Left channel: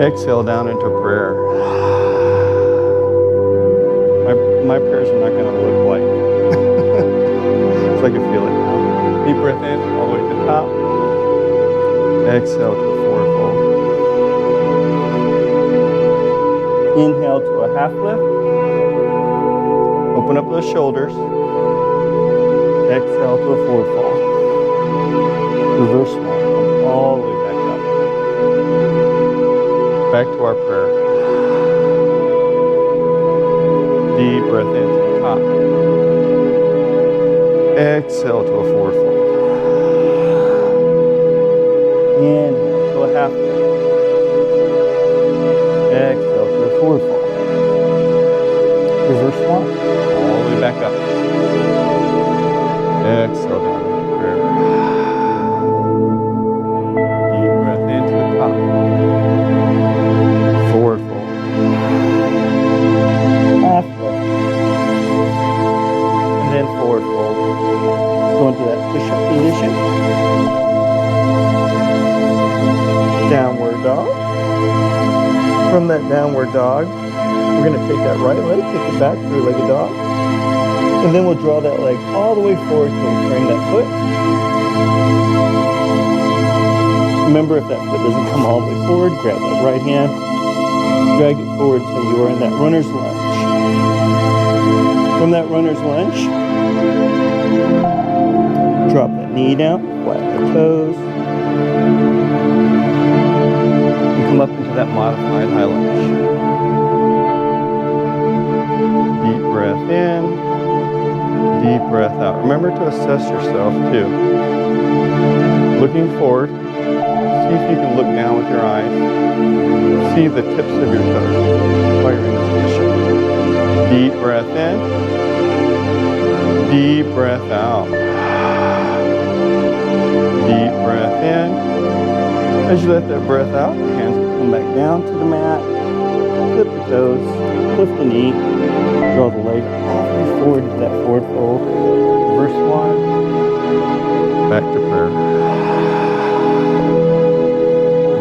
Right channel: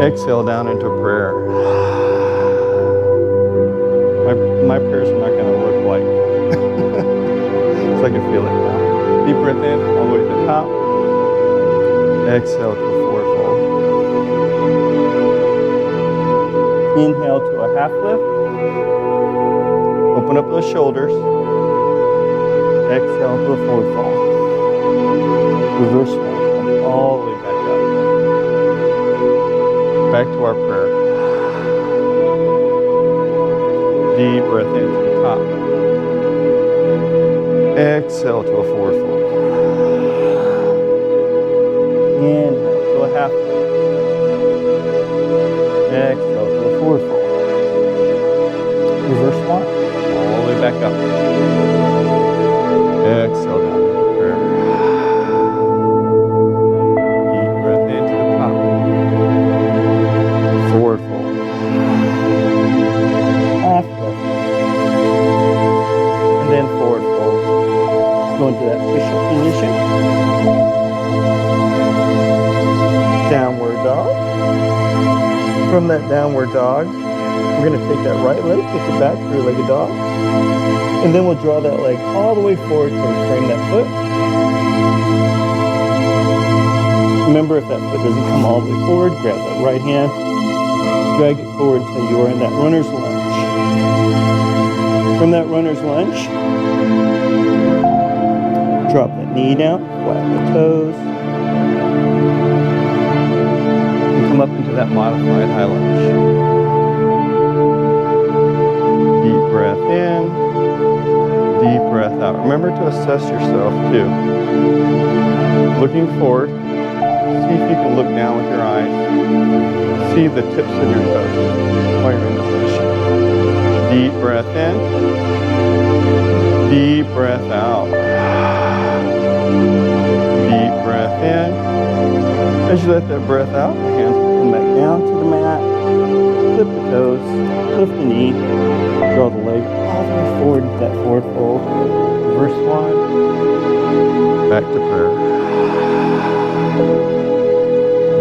Exhale down into prayer. My prayers are not going to look like, because I can feel it now. Deep breath in, all the way to the top. Exhale to a forward fold. Inhale to a half lift. Open up those shoulders. Exhale to a forward fold. Reverse one. Come all the way back up. Back to our prayer. Deep breath into the top. Exhale to a forward fold. Inhale to a half lift. Exhale to a forward fold. Reverse one. All the way back up. Exhale down into prayer. Deep breath into the top. Forward fold. Half lift. And then forward fold. Let's go into that push-up position. Downward dog. From that downward dog, we're going to take that right leg, kick it back, three-legged dog. And then we'll draw that leg all the way forward till we frame that foot. Remember, if that foot doesn't come all the way forward, grab that right hand, drag it forward until you are in that runner's lunge. From that runner's lunge, drop that knee down, flatten the toes, and come up into that modified high lunge. Deep breath in, deep breath out. Remember to assess yourself too. Looking forward, see if you can look down with your eyes. See the tips of your toes while you're in this position. Deep breath in, deep breath out. Deep breath in. As you let that breath out, the hands will come back down to the mat. Flip the toes, lift the knee, draw the leg all the way forward into that forward fold. Reverse one, back to prayer.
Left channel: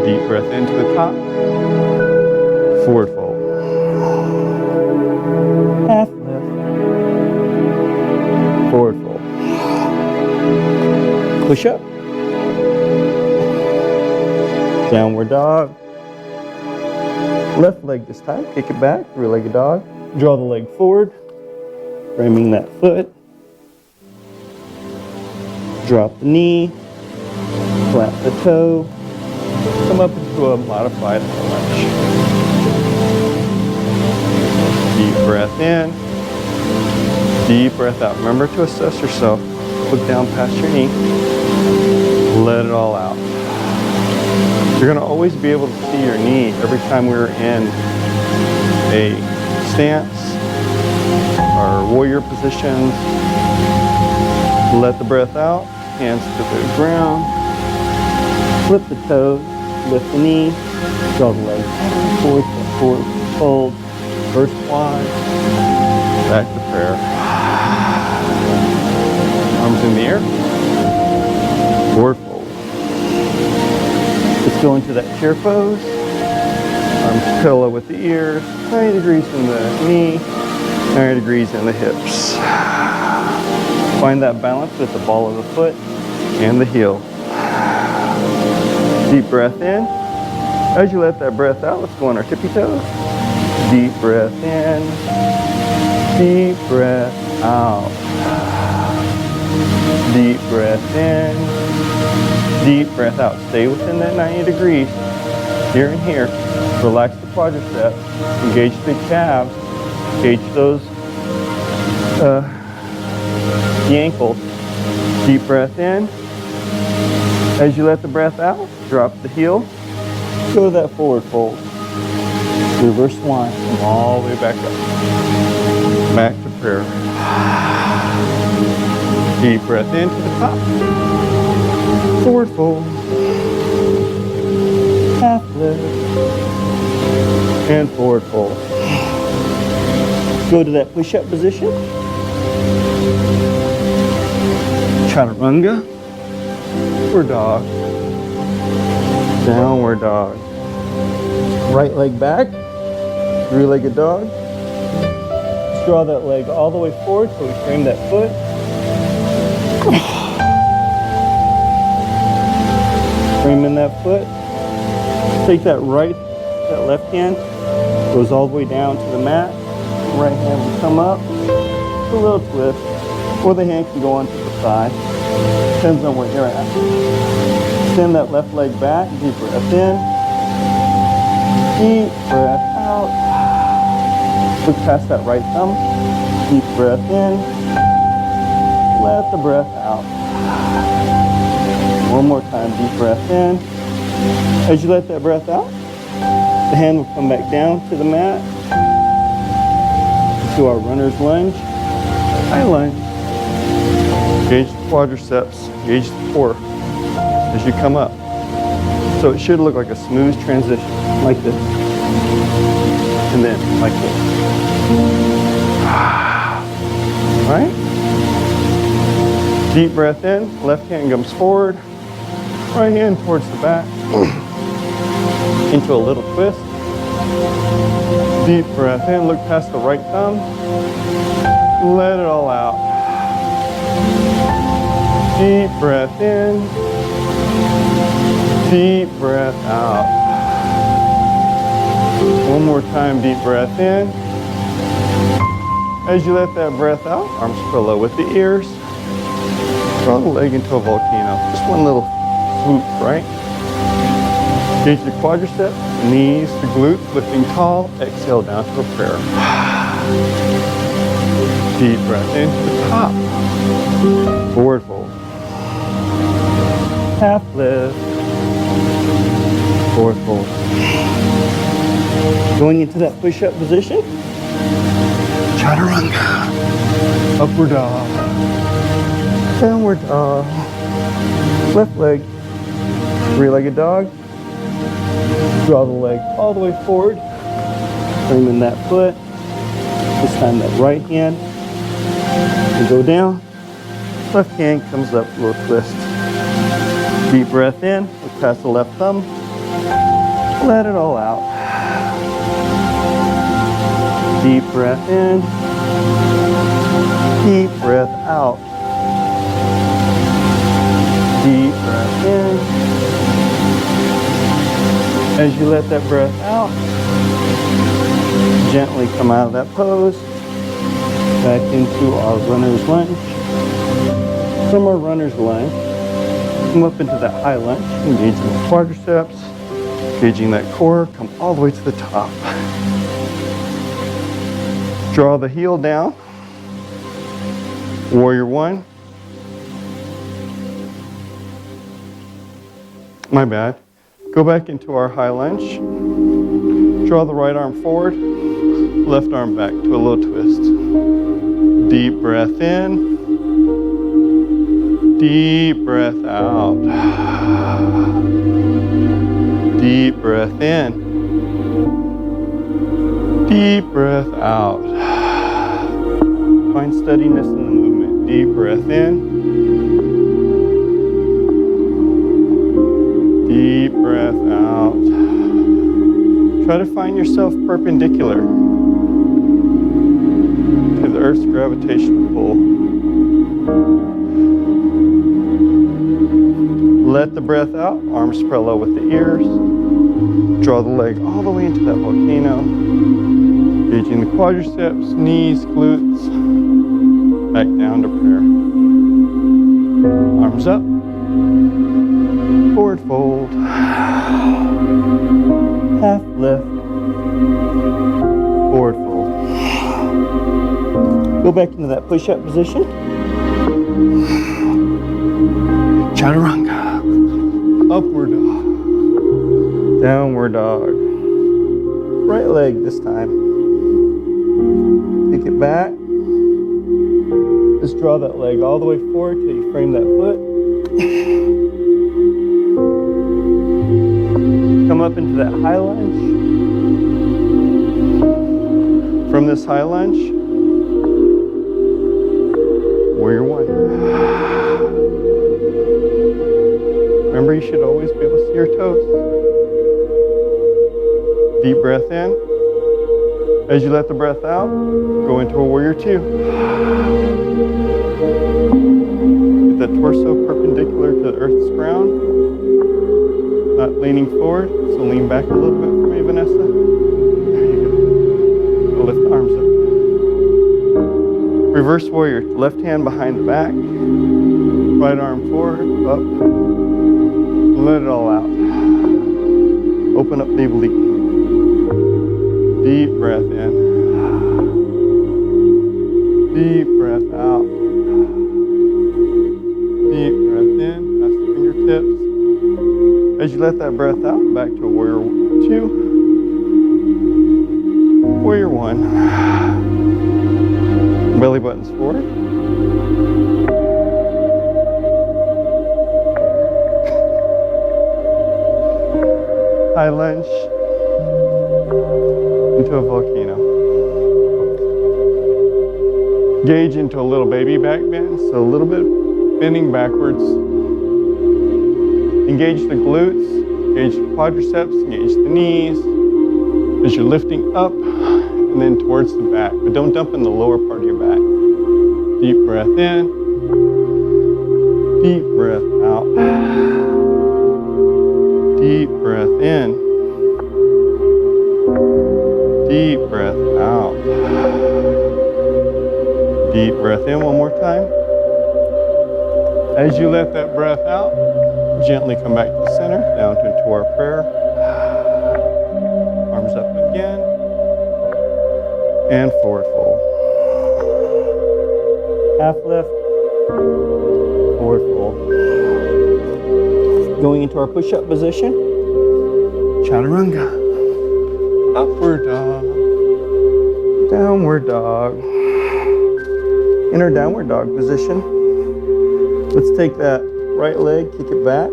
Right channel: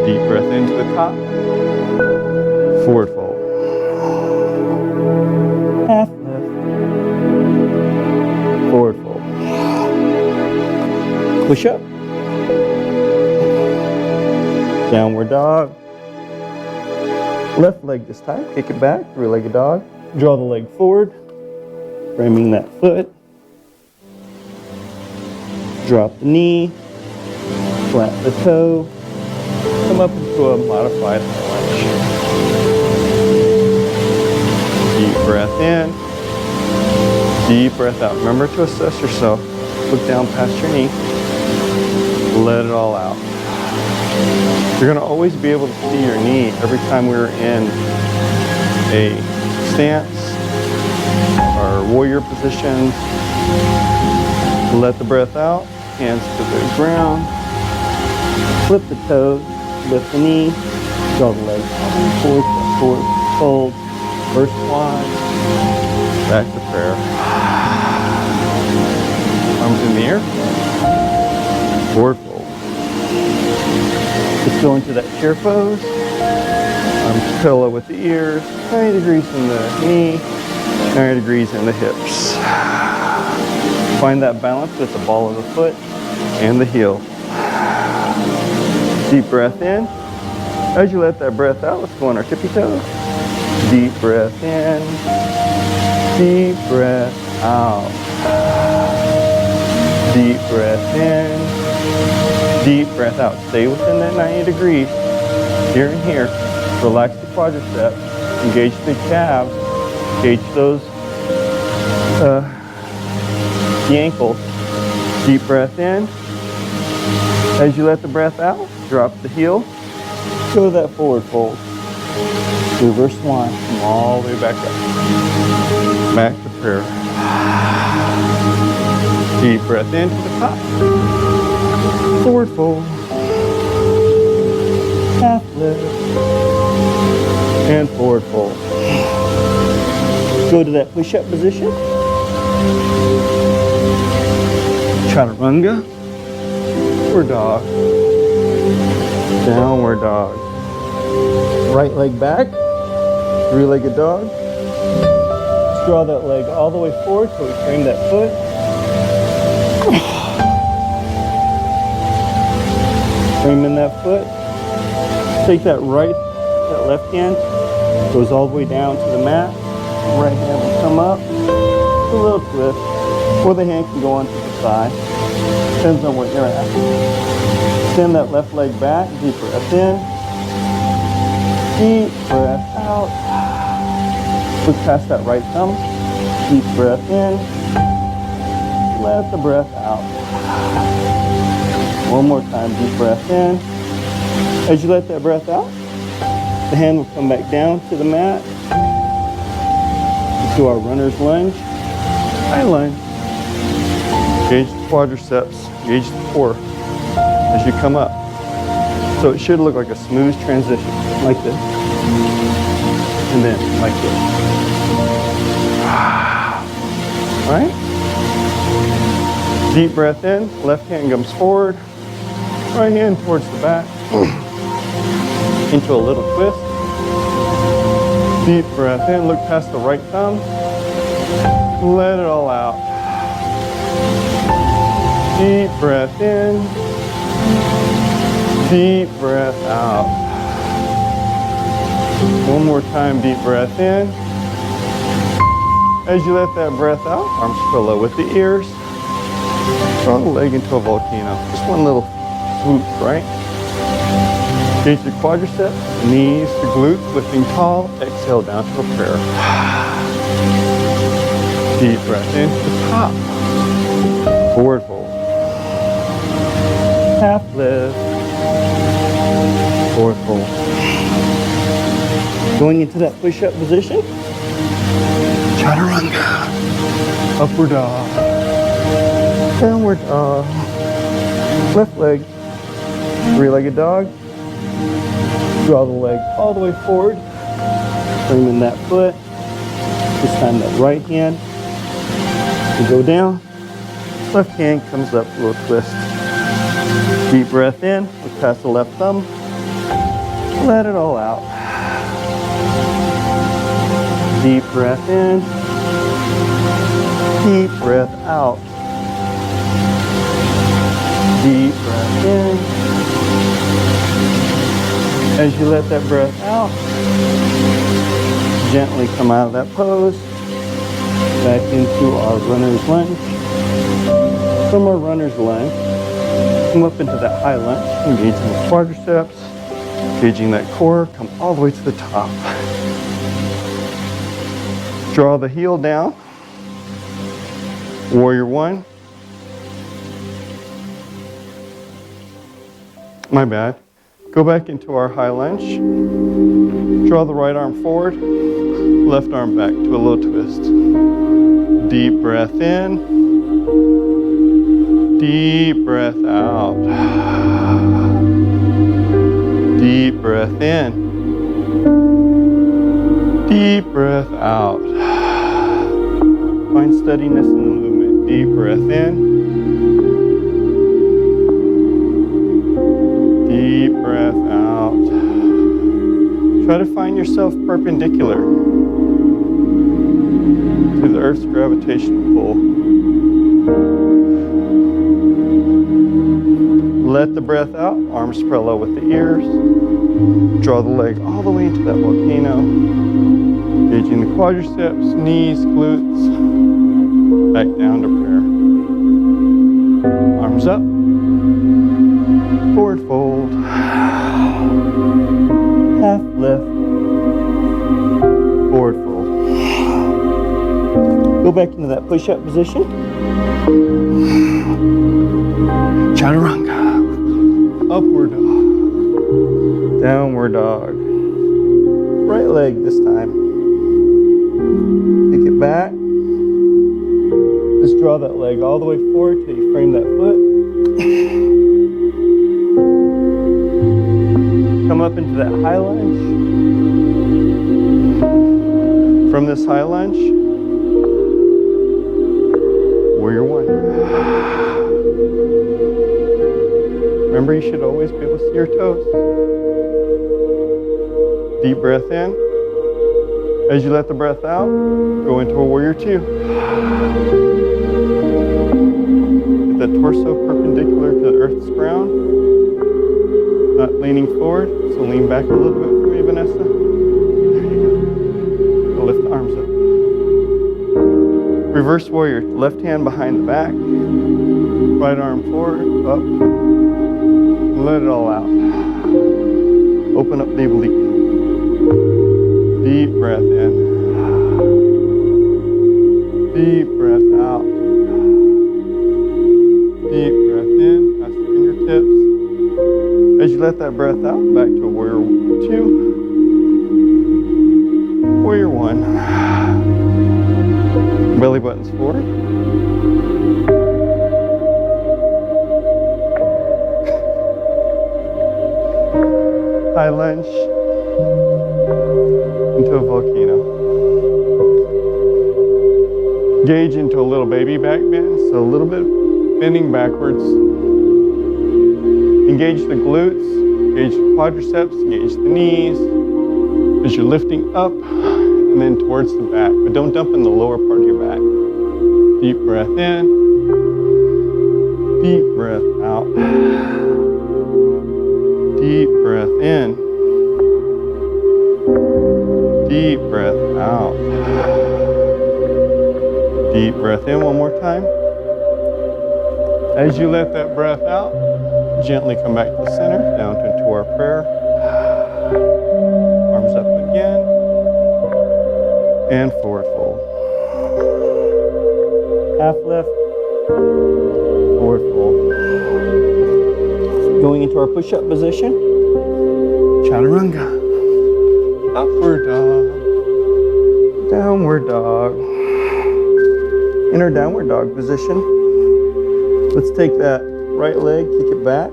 Deep breath into the top, forward fold. Half lift, forward fold. Push up. Downward dog. Left leg this time, kick it back, three-legged dog. Draw the leg forward, framing that foot. Drop the knee, flat the toe. Come up into a modified high lunge. Deep breath in, deep breath out. Remember to assess yourself. Look down past your knee. Let it all out. You're going to always be able to see your knee every time we're in a stance or warrior positions. Let the breath out. Hands to the ground. Flip the toes. Lift the knee. Draw the legs forward to forward fold. First one. Back to prayer. Arms in the air. Forward fold. Let's go into that chair pose. Arms pillow with the ears. 90 degrees in the knee. 90 degrees in the hips. Find that balance with the ball of the foot and the heel. Deep breath in. As you let that breath out, let's go on our tippy toes. Deep breath in. Deep breath out. Deep breath in. Deep breath out. Stay within that 90 degrees. Here and here. Relax the quadriceps. Engage the calves. Engage those the ankles. Deep breath in. As you let the breath out, drop the heel. Go to that forward fold. Reverse one. Come all the way back up. Back to prayer. Deep breath in to the top. Forward fold. Half lift. And forward fold. Go to that push-up position. Chaturanga. Upward dog. Downward dog. Right leg back, three-legged dog. Just draw that leg all the way forward so we frame that foot. Framing that foot. Take that left hand, goes all the way down to the mat. Right hand will come up, a little twist, or the hand can go onto the thigh. Depends on where you're at. Extend that left leg back, deep breath in, deep breath out. Look past that right thumb, deep breath in, let the breath out. One more time, deep breath in. As you let that breath out, the hand will come back down to the mat, into our runner's lunge, high lunge. Engage the quadriceps, engage the core as you come up. So it should look like a smooth transition, like this. And then like this. All right? Deep breath in, left hand comes forward, right hand towards the back, into a little twist. Deep breath in, look past the right thumb, let it all out. Deep breath in, deep breath out. One more time, deep breath in. As you let that breath out, arms parallel with the ears. Draw the leg into a volcano. Just one little swoop, right? Engage the quadriceps, knees to glutes, lifting tall. Exhale down to a prayer. Deep breath into the top. Forward fold. Half lift. Forward fold. Going into that push-up position. Chaturanga. Upward dog. Downward dog. Left leg. Three-legged dog. Draw the leg all the way forward. Framing that foot. This time that right hand will go down. Left hand comes up, a little twist. Deep breath in, look past the left thumb. Let it all out. Deep breath in. Deep breath out. Deep breath in. As you let that breath out, gently come out of that pose, back into our runner's lunge. From our runner's lunge, come up into that high lunge, engaging the quadriceps, engaging that core, come all the way to the top. Draw the heel down, warrior one. My bad. Go back into our high lunge. Draw the right arm forward, left arm back to a little twist. Deep breath in, deep breath out. Deep breath in, deep breath out. Find steadiness in the movement. Deep breath in, deep breath out. Try to find yourself perpendicular to the Earth's gravitational pull. Let the breath out, arms parallel with the ears. Draw the leg all the way into that volcano. Engaging the quadriceps, knees, glutes. Back down to prayer. Arms up. Forward fold. Half lift. Forward fold. Go back into that push-up position. Chaturanga. Upward dog. Downward dog. Right leg this time. Take it back. Just draw that leg all the way forward till you frame that foot. Come up into that high lunge. From this high lunge, warrior one. Remember, you should always be able to see your toes. Deep breath in. As you let the breath out, go into a warrior two. Get that torso perpendicular to the earth's ground. Not leaning forward, so lean back a little bit for me, Vanessa. There you go. Lift the arms up. Reverse warrior, left hand behind the back. Right arm forward, up. Let it all out. Open up the oblique. Deep breath in. Deep breath out. Deep breath in, past the fingertips. As you let that breath out, back to a warrior two. Warrior one. Belly buttons forward. High lunge into a volcano. Gauge into a little baby back bend, so a little bit bending backwards. Engage the glutes, engage the quadriceps, engage the knees as you're lifting up and then towards the back, but don't dump in the lower part of your back. Deep breath in, deep breath out. Deep breath in. Deep breath out. Deep breath in one more time. As you let that breath out, gently come back to the center, down into our prayer. Arms up again. And forward fold. Half lift. Forward fold. Going into our push-up position, chaturanga, upward dog, downward dog. In our downward dog position, let's take that right leg, kick it back.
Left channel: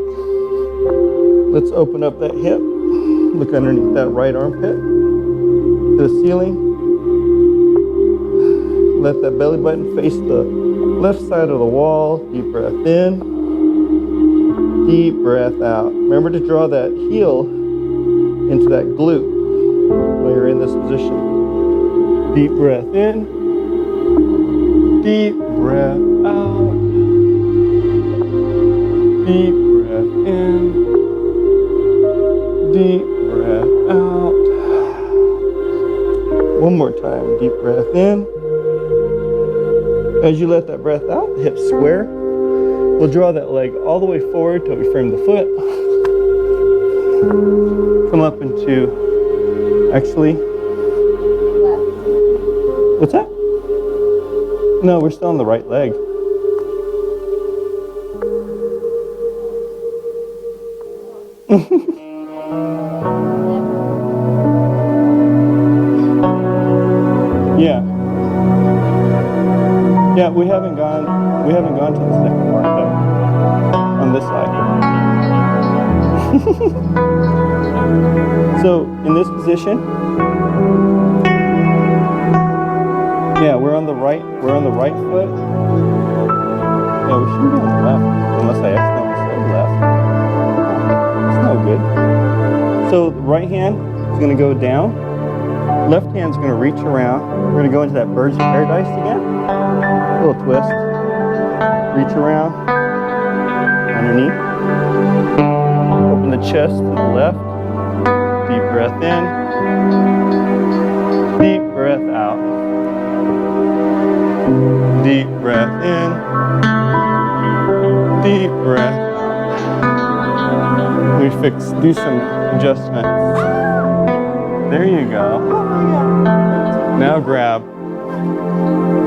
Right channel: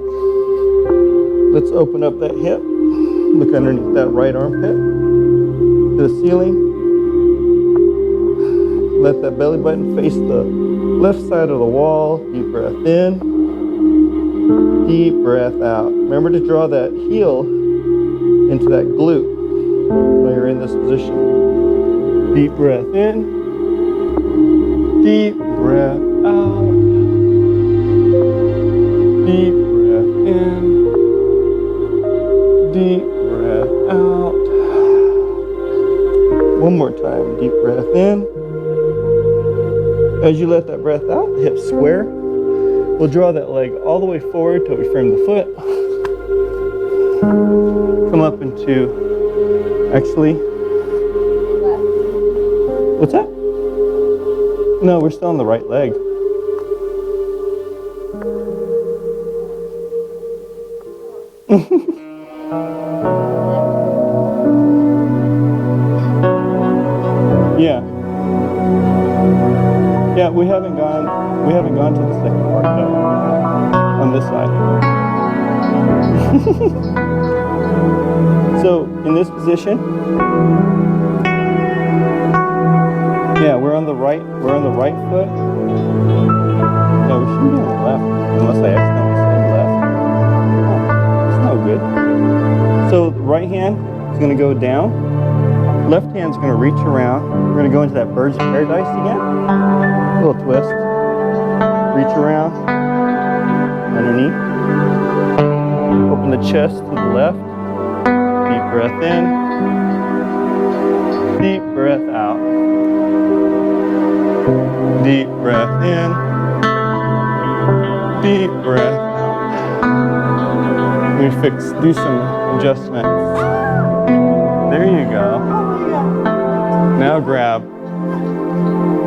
Let's open up that hip, look underneath that right armpit to the ceiling. Let that belly button face the left side of the wall. Deep breath in. Deep breath out. Remember to draw that heel into that glute while you're in this position. Deep breath in. Deep breath out. Deep breath in. Deep breath out. One more time. Deep breath in. As you let that breath out, the hips square. We'll draw that leg all the way forward till we frame the foot. Come up into, actually, left. What's that? No, we're still on the right leg. Yeah. Yeah, we haven't gone to the second mark though, on this side. So in this position, yeah, we're on the right foot. Yeah, we shouldn't be on the left, unless I accidentally said left. Oh, that's no good. So the right hand is gonna go down, left hand's gonna reach around. We're gonna go into that bird's paradise again. A little twist. Reach around. Underneath. Open the chest to the left. Deep breath in. Deep breath out. Deep breath in. Deep breath out. We do some adjustments. There you go. Now grab.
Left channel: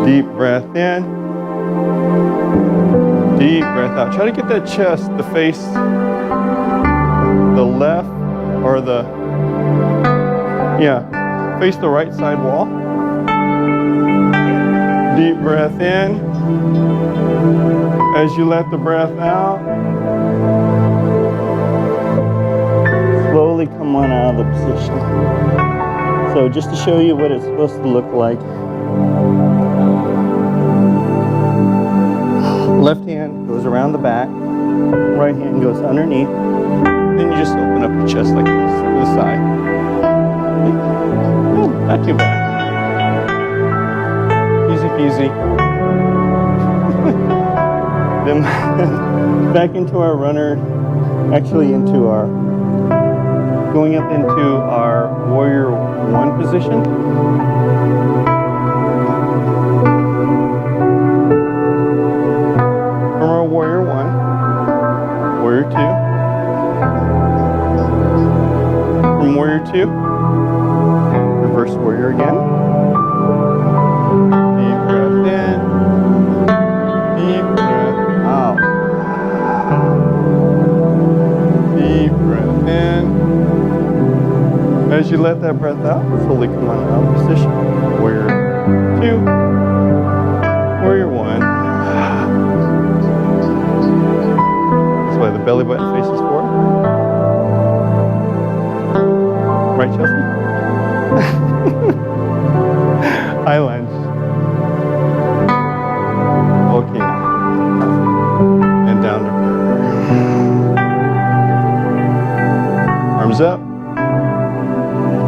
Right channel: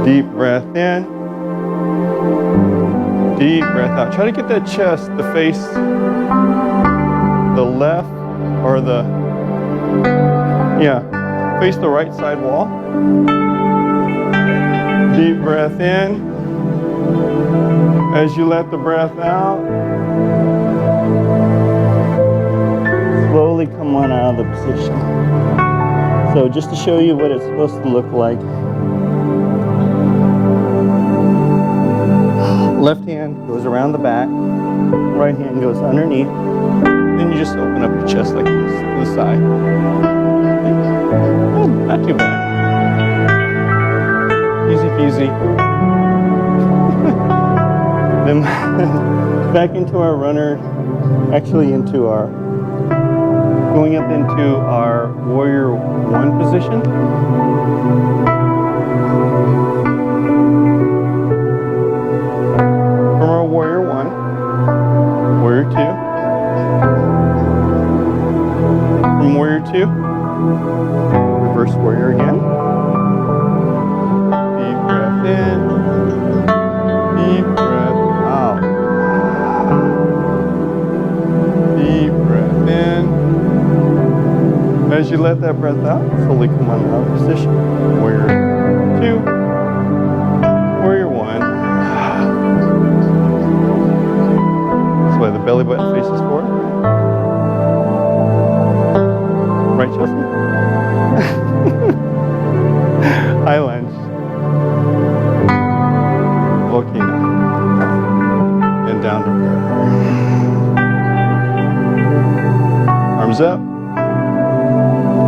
Deep breath in. Deep breath out. Try to get that chest to face the left or face the right side wall. Deep breath in. As you let the breath out, slowly come on out of the position. So just to show you what it's supposed to look like. Left hand goes around the back, right hand goes underneath. Then you just open up your chest like this to the side. Not too bad. Easy peasy. Then back into our runner, actually going up into our warrior one position. From our warrior one, warrior two. From warrior two, reverse warrior again. Deep breath in, deep breath out. Deep breath in. As you let that breath out, slowly come on out of position. Warrior two, warrior one. That's why the belly button faces forward. Right, Chelsea? High lunge. Volcano. And down to prayer. Arms up.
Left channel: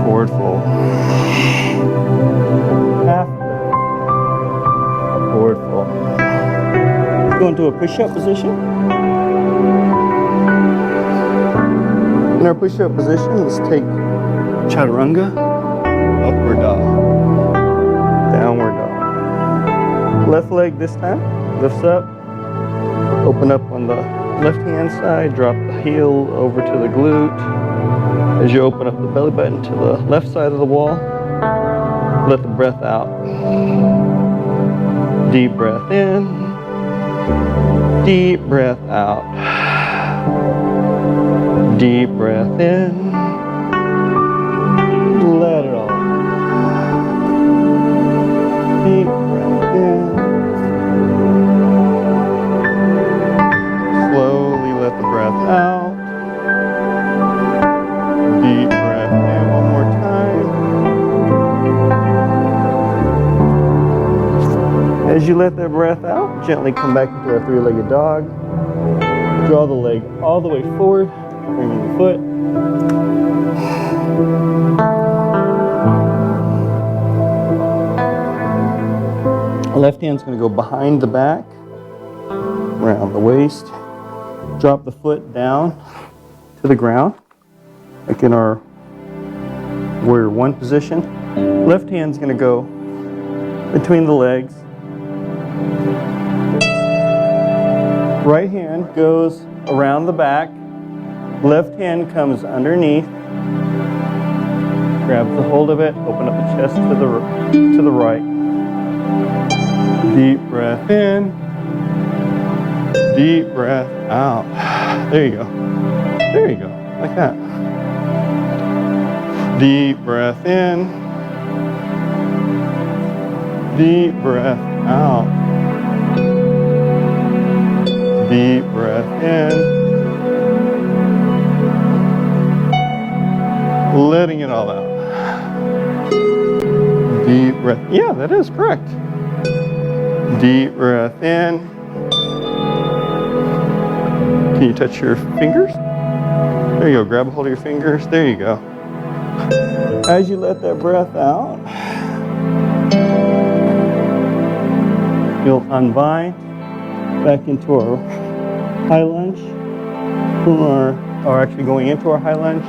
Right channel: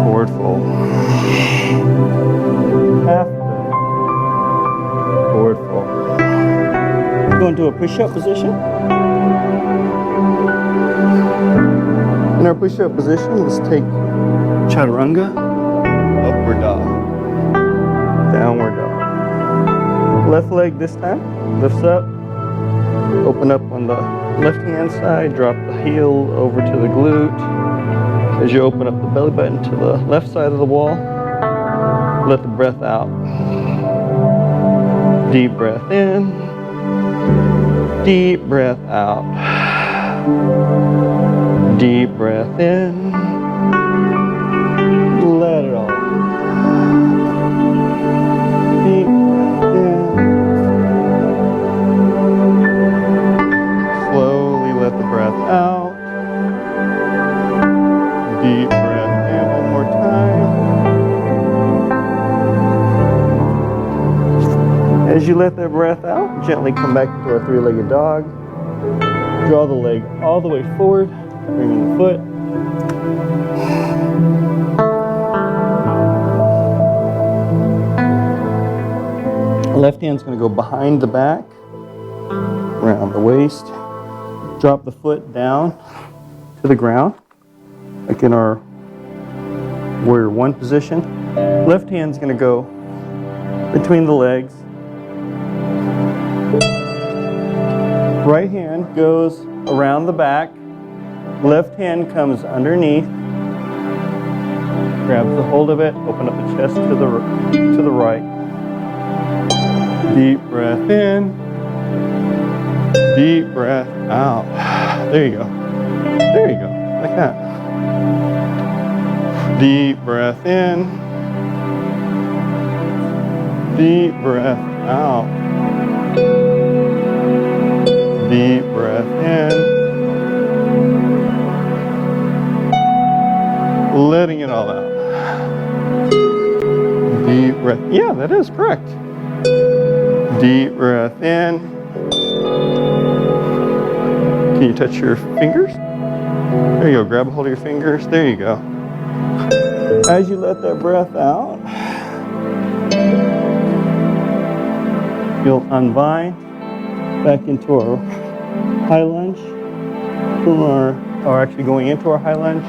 Forward fold. Half lift. Forward fold. Go into a push-up position. In our push-up position, let's take chaturanga, upward dog, downward dog. Left leg this time, lifts up, open up on the left-hand side, drop the heel over to the glute. As you open up the belly button to the left side of the wall, let the breath out. Deep breath in, deep breath out. Deep breath in, let it all out. Deep breath in. Slowly let the breath out. Deep breath in one more time. As you let that breath out, gently come back into our three-legged dog. Draw the leg all the way forward, bringing the foot. Left hand's going to go behind the back, around the waist. Drop the foot down to the ground, like in our warrior one position. Left hand's going to go between the legs. Right hand goes around the back. Left hand comes underneath. Grabs the hold of it. Open up the chest to the right. Deep breath in. Deep breath out. There you go. There you go. Like that. Deep breath in. Deep breath out. Deep breath in. Letting it all out. Deep breath. Yeah, that is correct. Deep breath in. Can you touch your fingers? There you go. Grab a hold of your fingers. There you go. As you let that breath out, you'll unbind back into our high lunge. Or actually going into our high lunge.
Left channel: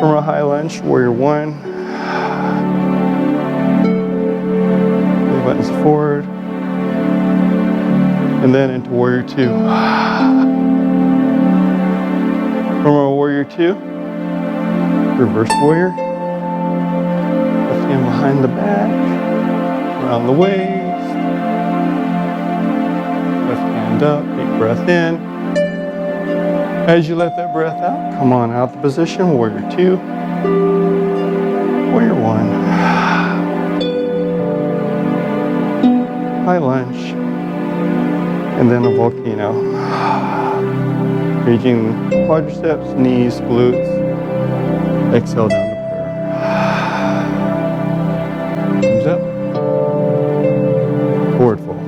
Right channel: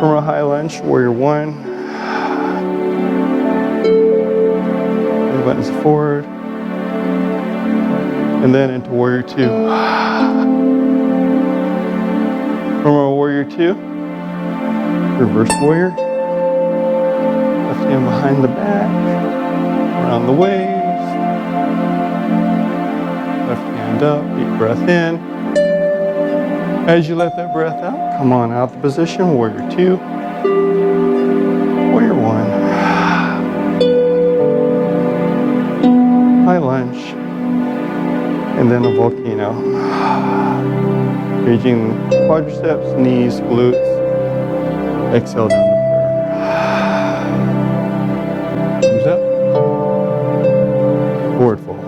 From our high lunge, warrior one. Belly buttons forward. And then into warrior two. From our warrior two, reverse warrior. Left hand behind the back, around the waist. Left hand up, deep breath in. As you let that breath out, come on out the position, warrior two, warrior one. High lunge, and then a volcano. Engaging quadriceps, knees, glutes. Exhale down to prayer. Thumbs up. Forward fold.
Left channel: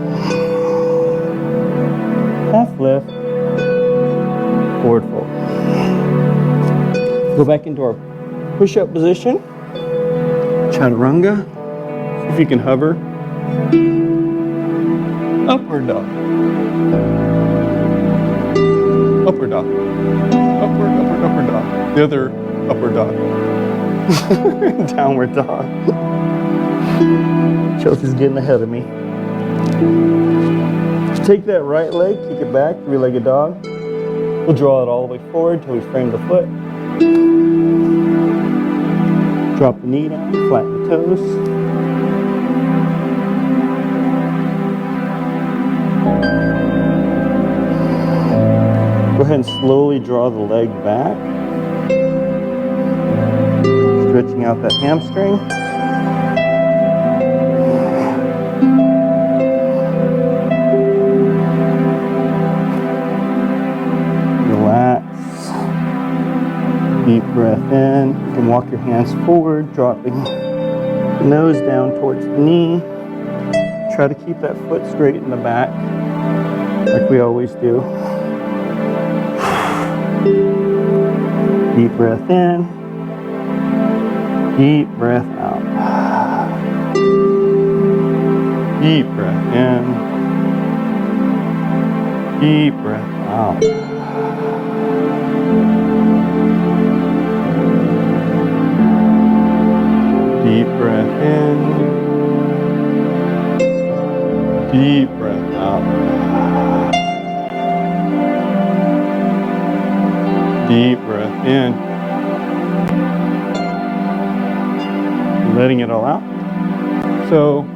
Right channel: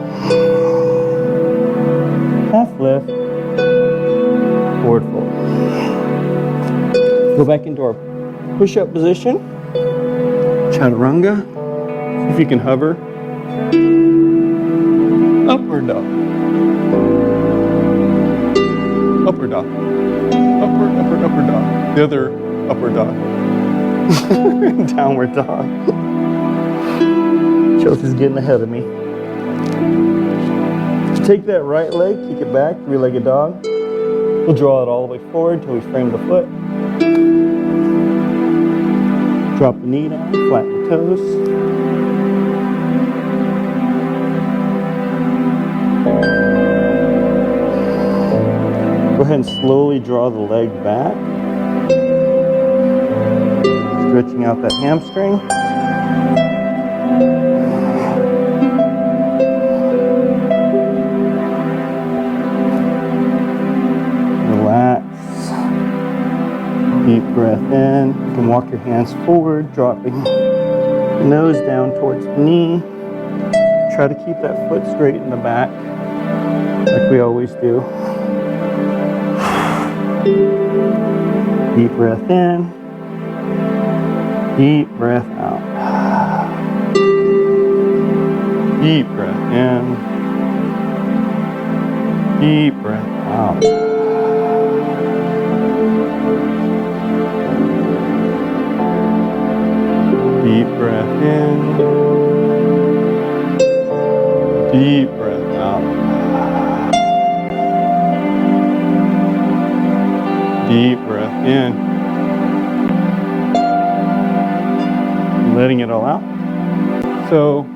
Half lift. Forward fold. Go back into our push-up position. Chaturanga. See if you can hover. Upward dog. Upward dog. Upward, upward, upward dog. The other upward dog. Downward dog. Chelsea's getting ahead of me. Take that right leg, kick it back, three-legged dog. We'll draw it all the way forward until we frame the foot. Drop the knee down, flatten the toes. Go ahead and slowly draw the leg back. Stretching out that hamstring. Relax. Deep breath in. You can walk your hands forward, dropping the nose down towards the knee. Try to keep that foot straight in the back, like we always do. Deep breath in. Deep breath out. Deep breath in. Deep breath out. Deep breath in. Deep breath out. Deep breath in. Letting it all out. So,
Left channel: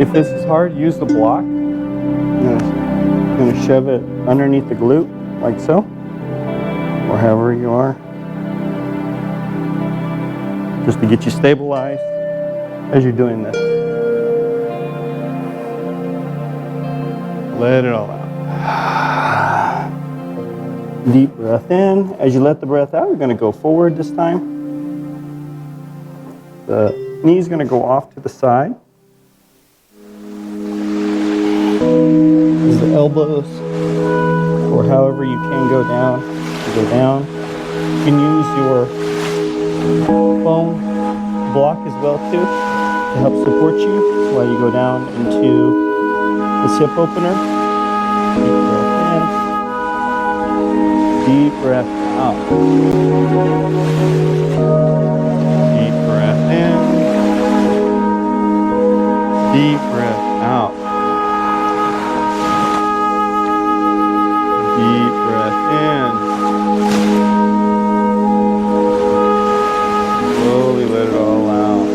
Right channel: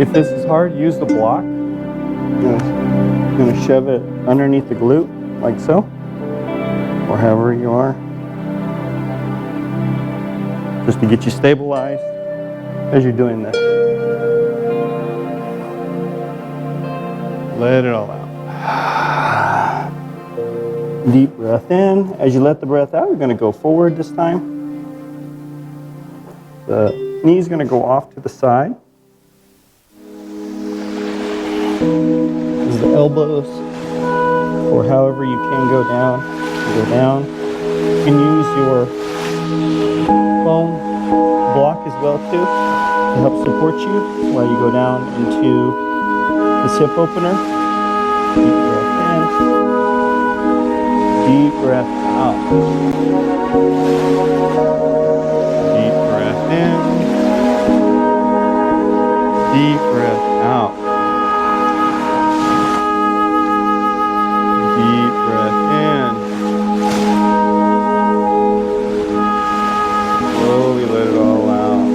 if this is hard, use the block. I'm going to shove it underneath the glute, like so, or however you are, just to get you stabilized as you're doing this. Let it all out. Deep breath in. As you let the breath out, you're going to go forward this time. The knee is going to go off to the side. As the elbows, or however you can go down, you go down. You can use your foam block as well too to help support you while you go down into this hip opener. Deep breath in. Deep breath out. Deep breath in. Deep breath out. Deep breath in. Slowly let it all out.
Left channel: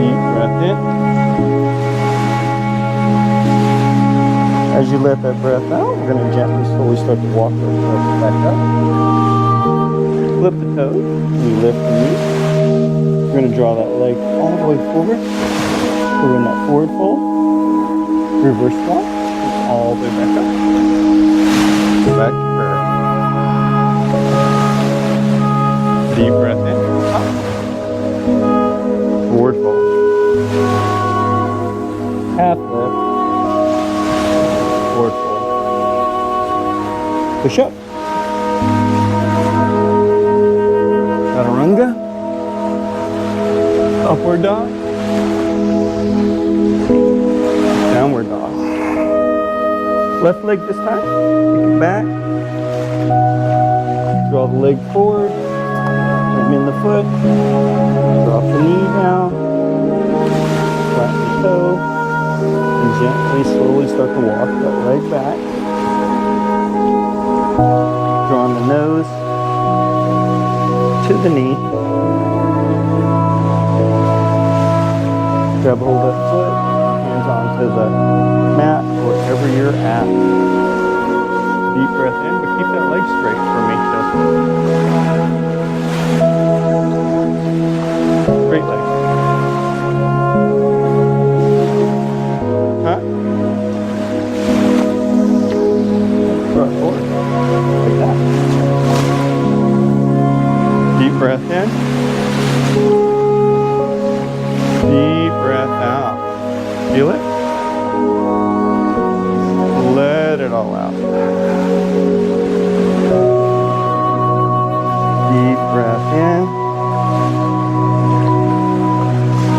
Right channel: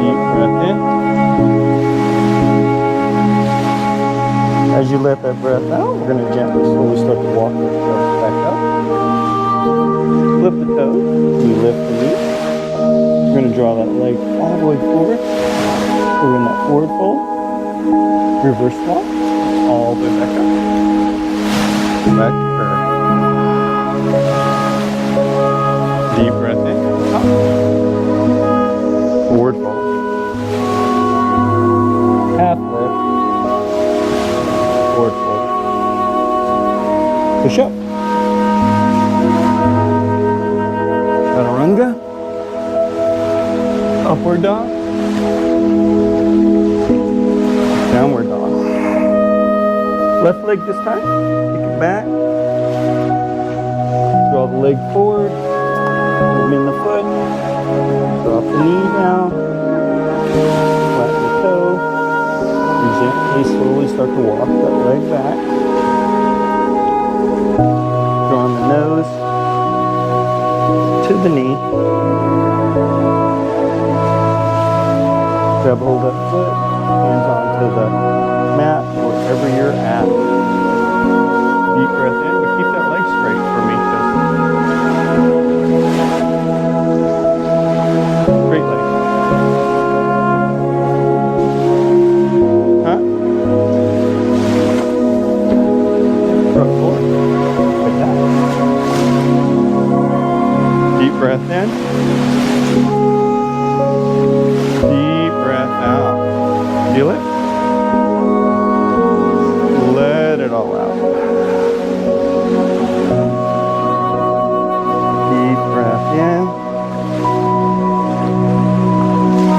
Deep breath in. As you let that breath out, we're going to gently, slowly start to walk ourselves back up. Flip the toes. We lift the knee. We're going to draw that leg all the way forward. We're in that forward fold. Reverse swap. All the way back up. Back to prayer. Deep breath in. Up. Forward fold. Half lift. Forward fold. Push up. Chaturanga. Upward dog. Downward dog. Left leg this time. Kick it back. Draw the leg forward. Come in the foot. Drop the knee down. Flatten the toe. And gently, slowly start to walk that leg back. Drawing the nose to the knee. Grab hold of that foot, hands onto the mat, wherever you're at. Deep breath in, but keep that leg straight for me, Chelsea. Straight leg. Huh? Front forward. Like that. Deep breath in. Deep breath out. Feel it? Let it all out. Deep breath in.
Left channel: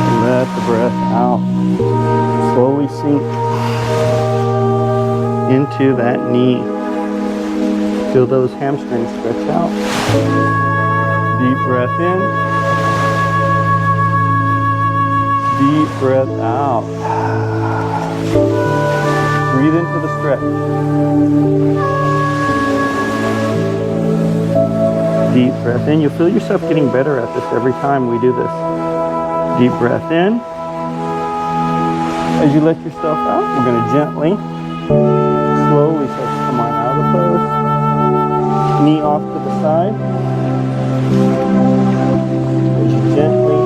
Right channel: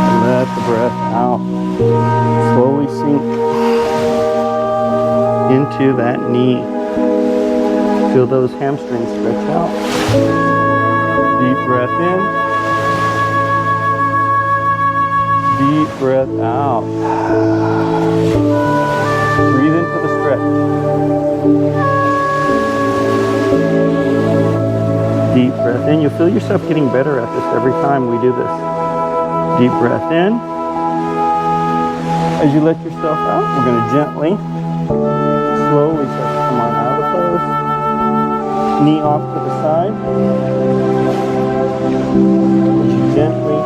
And let the breath out. Slowly sink into that knee. Feel those hamstrings stretch out. Deep breath in. Deep breath out. Breathe into the stretch. Deep breath in. You'll feel yourself getting better at this every time we do this. Deep breath in. As you let yourself out, we're going to gently, slowly start to come on out of the pose. Knee off to the side. As you gently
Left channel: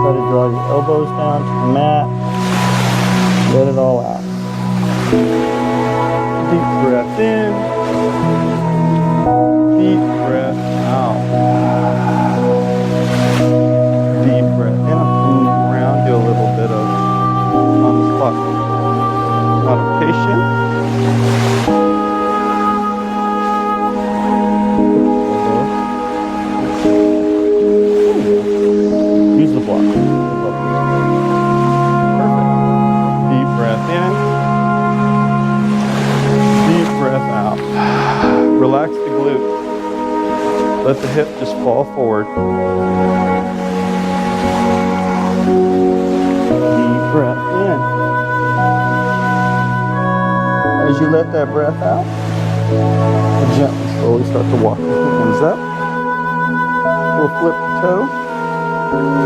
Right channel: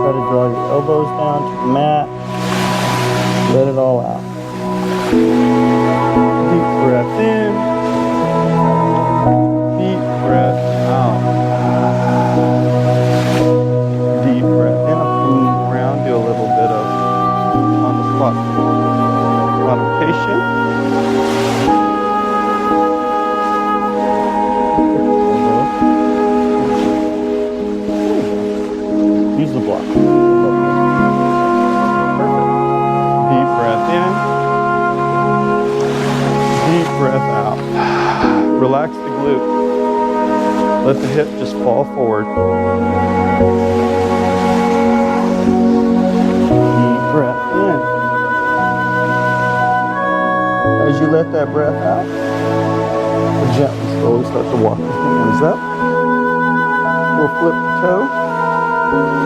try to draw your elbows down to the mat. Let it all out. Deep breath in. Deep breath out. Deep breath in. I'll come around, do a little bit of on the spot modification. Use the block. Perfect. Deep breath in. Deep breath out. Relax the glute. Let the hip just fall forward. Deep breath in. As you let that breath out, gently, slowly start to walk the hands up. We'll flip the toe.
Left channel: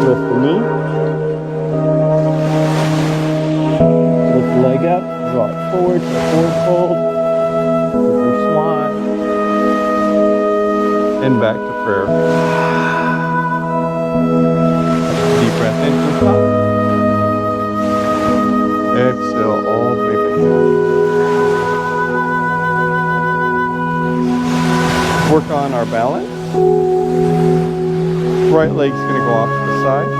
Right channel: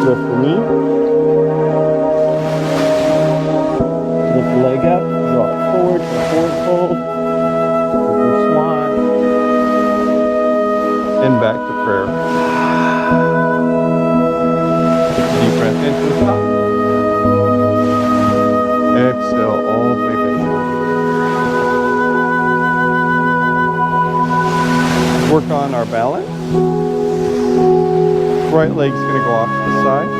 Lift the knee. Lift the leg up. Draw it forward to a forward fold. River swan. And back to prayer. Deep breath into the top. Exhale all the way back down. Work on our balance. Right leg's going to go off to the side.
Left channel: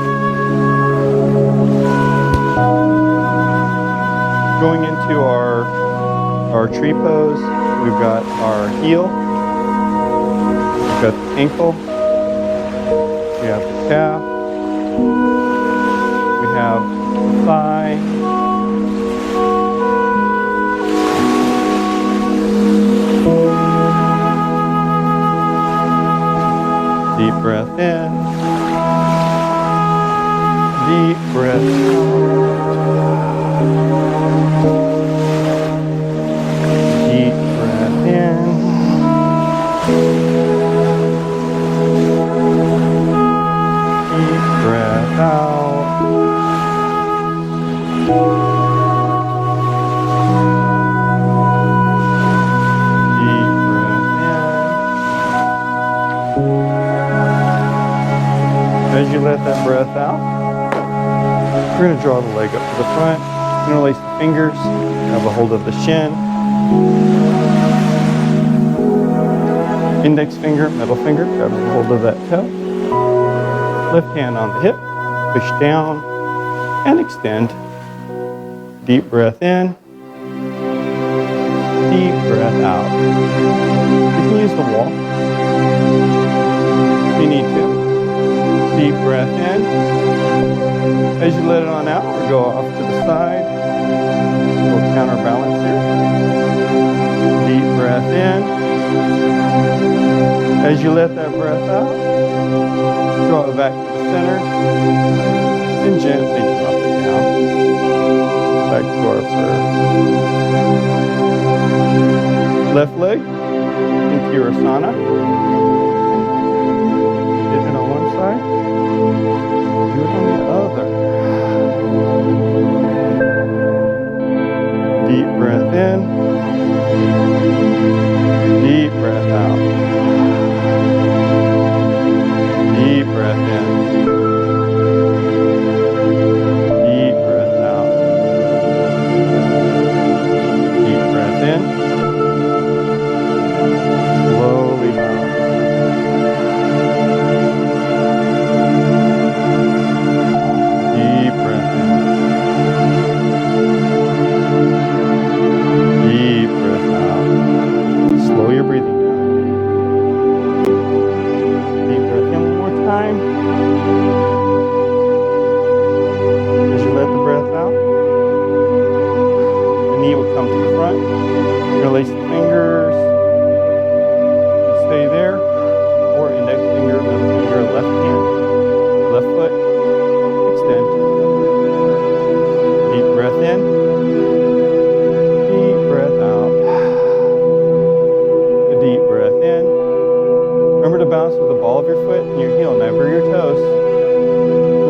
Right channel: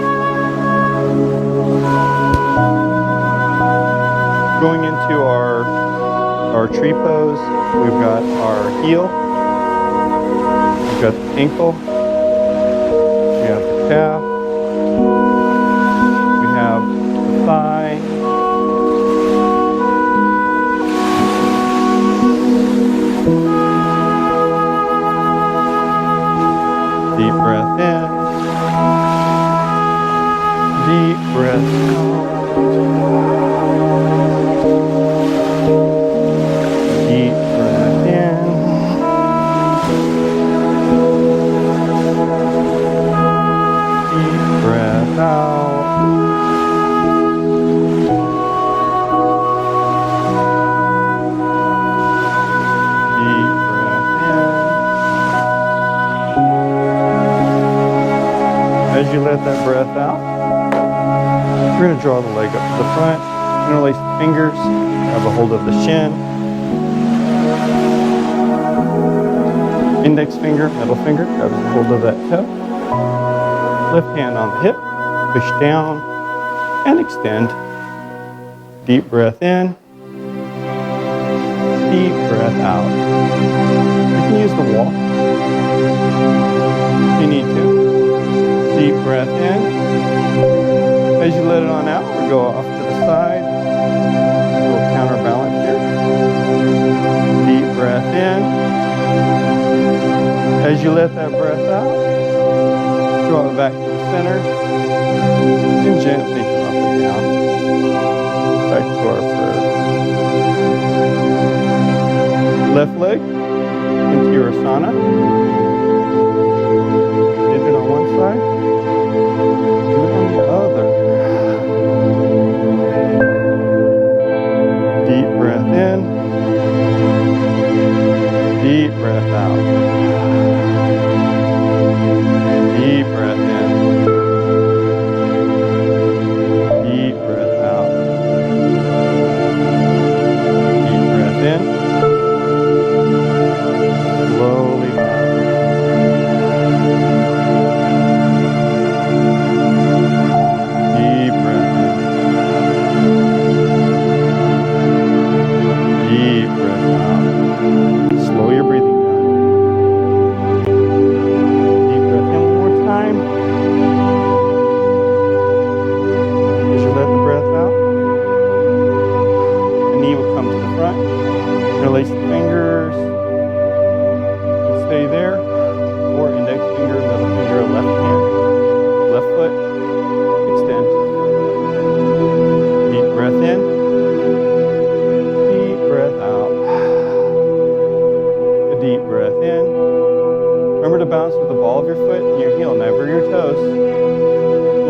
Going into our tree pose, we've got our heel, we've got the ankle, we have the calf, we have the thigh, deep breath in, deep breath out. Deep breath in. Deep breath out. Deep breath in. As you let that breath out, we're going to draw the leg up to the front, interlace the fingers, grab a hold of the shin. Index finger, middle finger, grabs a hold of that toe. Left hand on the hip, push down and extend. Deep breath in, deep breath out. You can use the wall if you need to. Deep breath in. As you let it on out, or go off to the side. We'll counterbalance here. Deep breath in. As you let that breath out, draw it back to the center and gently drop it down. Back to our prayer. Left leg into your asana. Did it on one side, do it on the other. Deep breath in, deep breath out. Deep breath in. Deep breath out. Deep breath in. Slowly bow. Deep breath in. Deep breath out. Slow your breathing down. knee will come to the front. Interlace the fingers. Stay there. Or index finger, middle finger, left hand, left foot. Extend. Deep breath in. Deep breath out. A deep breath in. Remember to bounce with the ball of your foot and your heel, never your toes.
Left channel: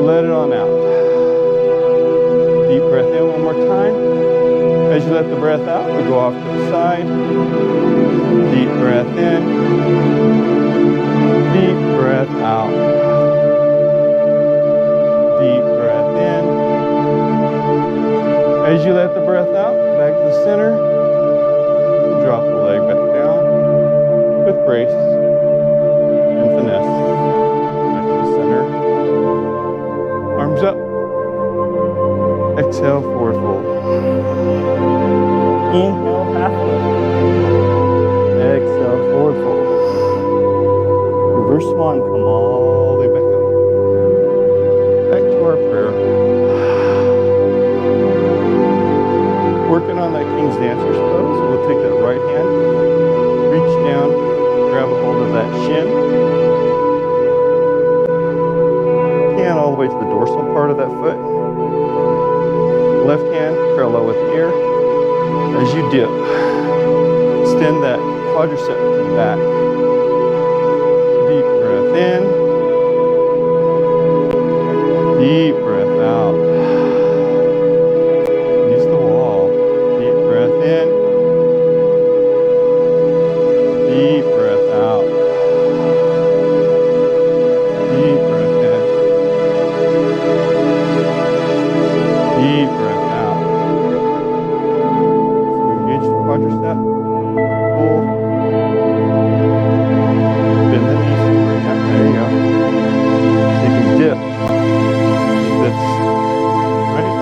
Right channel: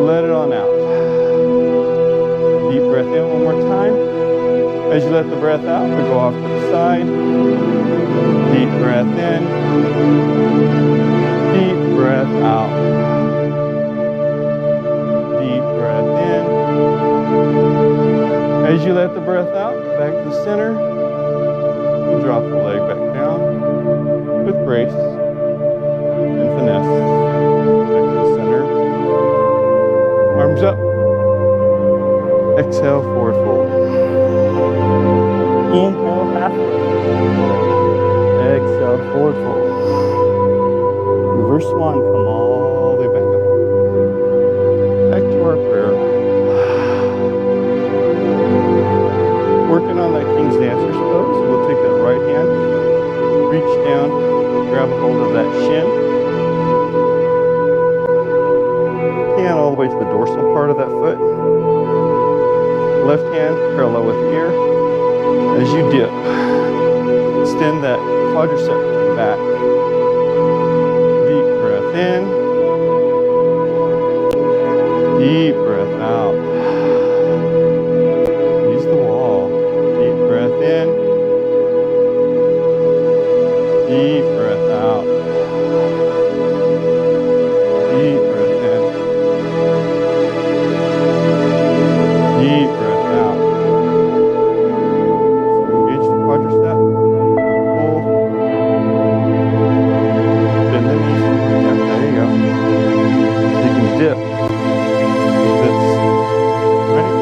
Let it on out. Deep breath in one more time. As you let the breath out, we go off to the side. Deep breath in. Deep breath out. Deep breath in. As you let the breath out, back to the center. And drop the leg back down with grace and finesse. Back to the center. Arms up. Exhale, forward fold. Inhale, half lift. Exhale, forward fold. Reverse swan, come all the way back up. Back to our prayer. Working on that King's Dancer's pose. We'll take that right hand, reach down, grab a hold of that shin. Hand all the way to the dorsal part of that foot. Left hand parallel with the ear. As you dip, extend that quadricep to the back. Deep breath in. Deep breath out. Use the wall. Deep breath in. Deep breath out. Deep breath in. Deep breath out. So engage the quadricep. Pull. Bend the knees some more. Yeah, there you go. So you can dip like this. Ready?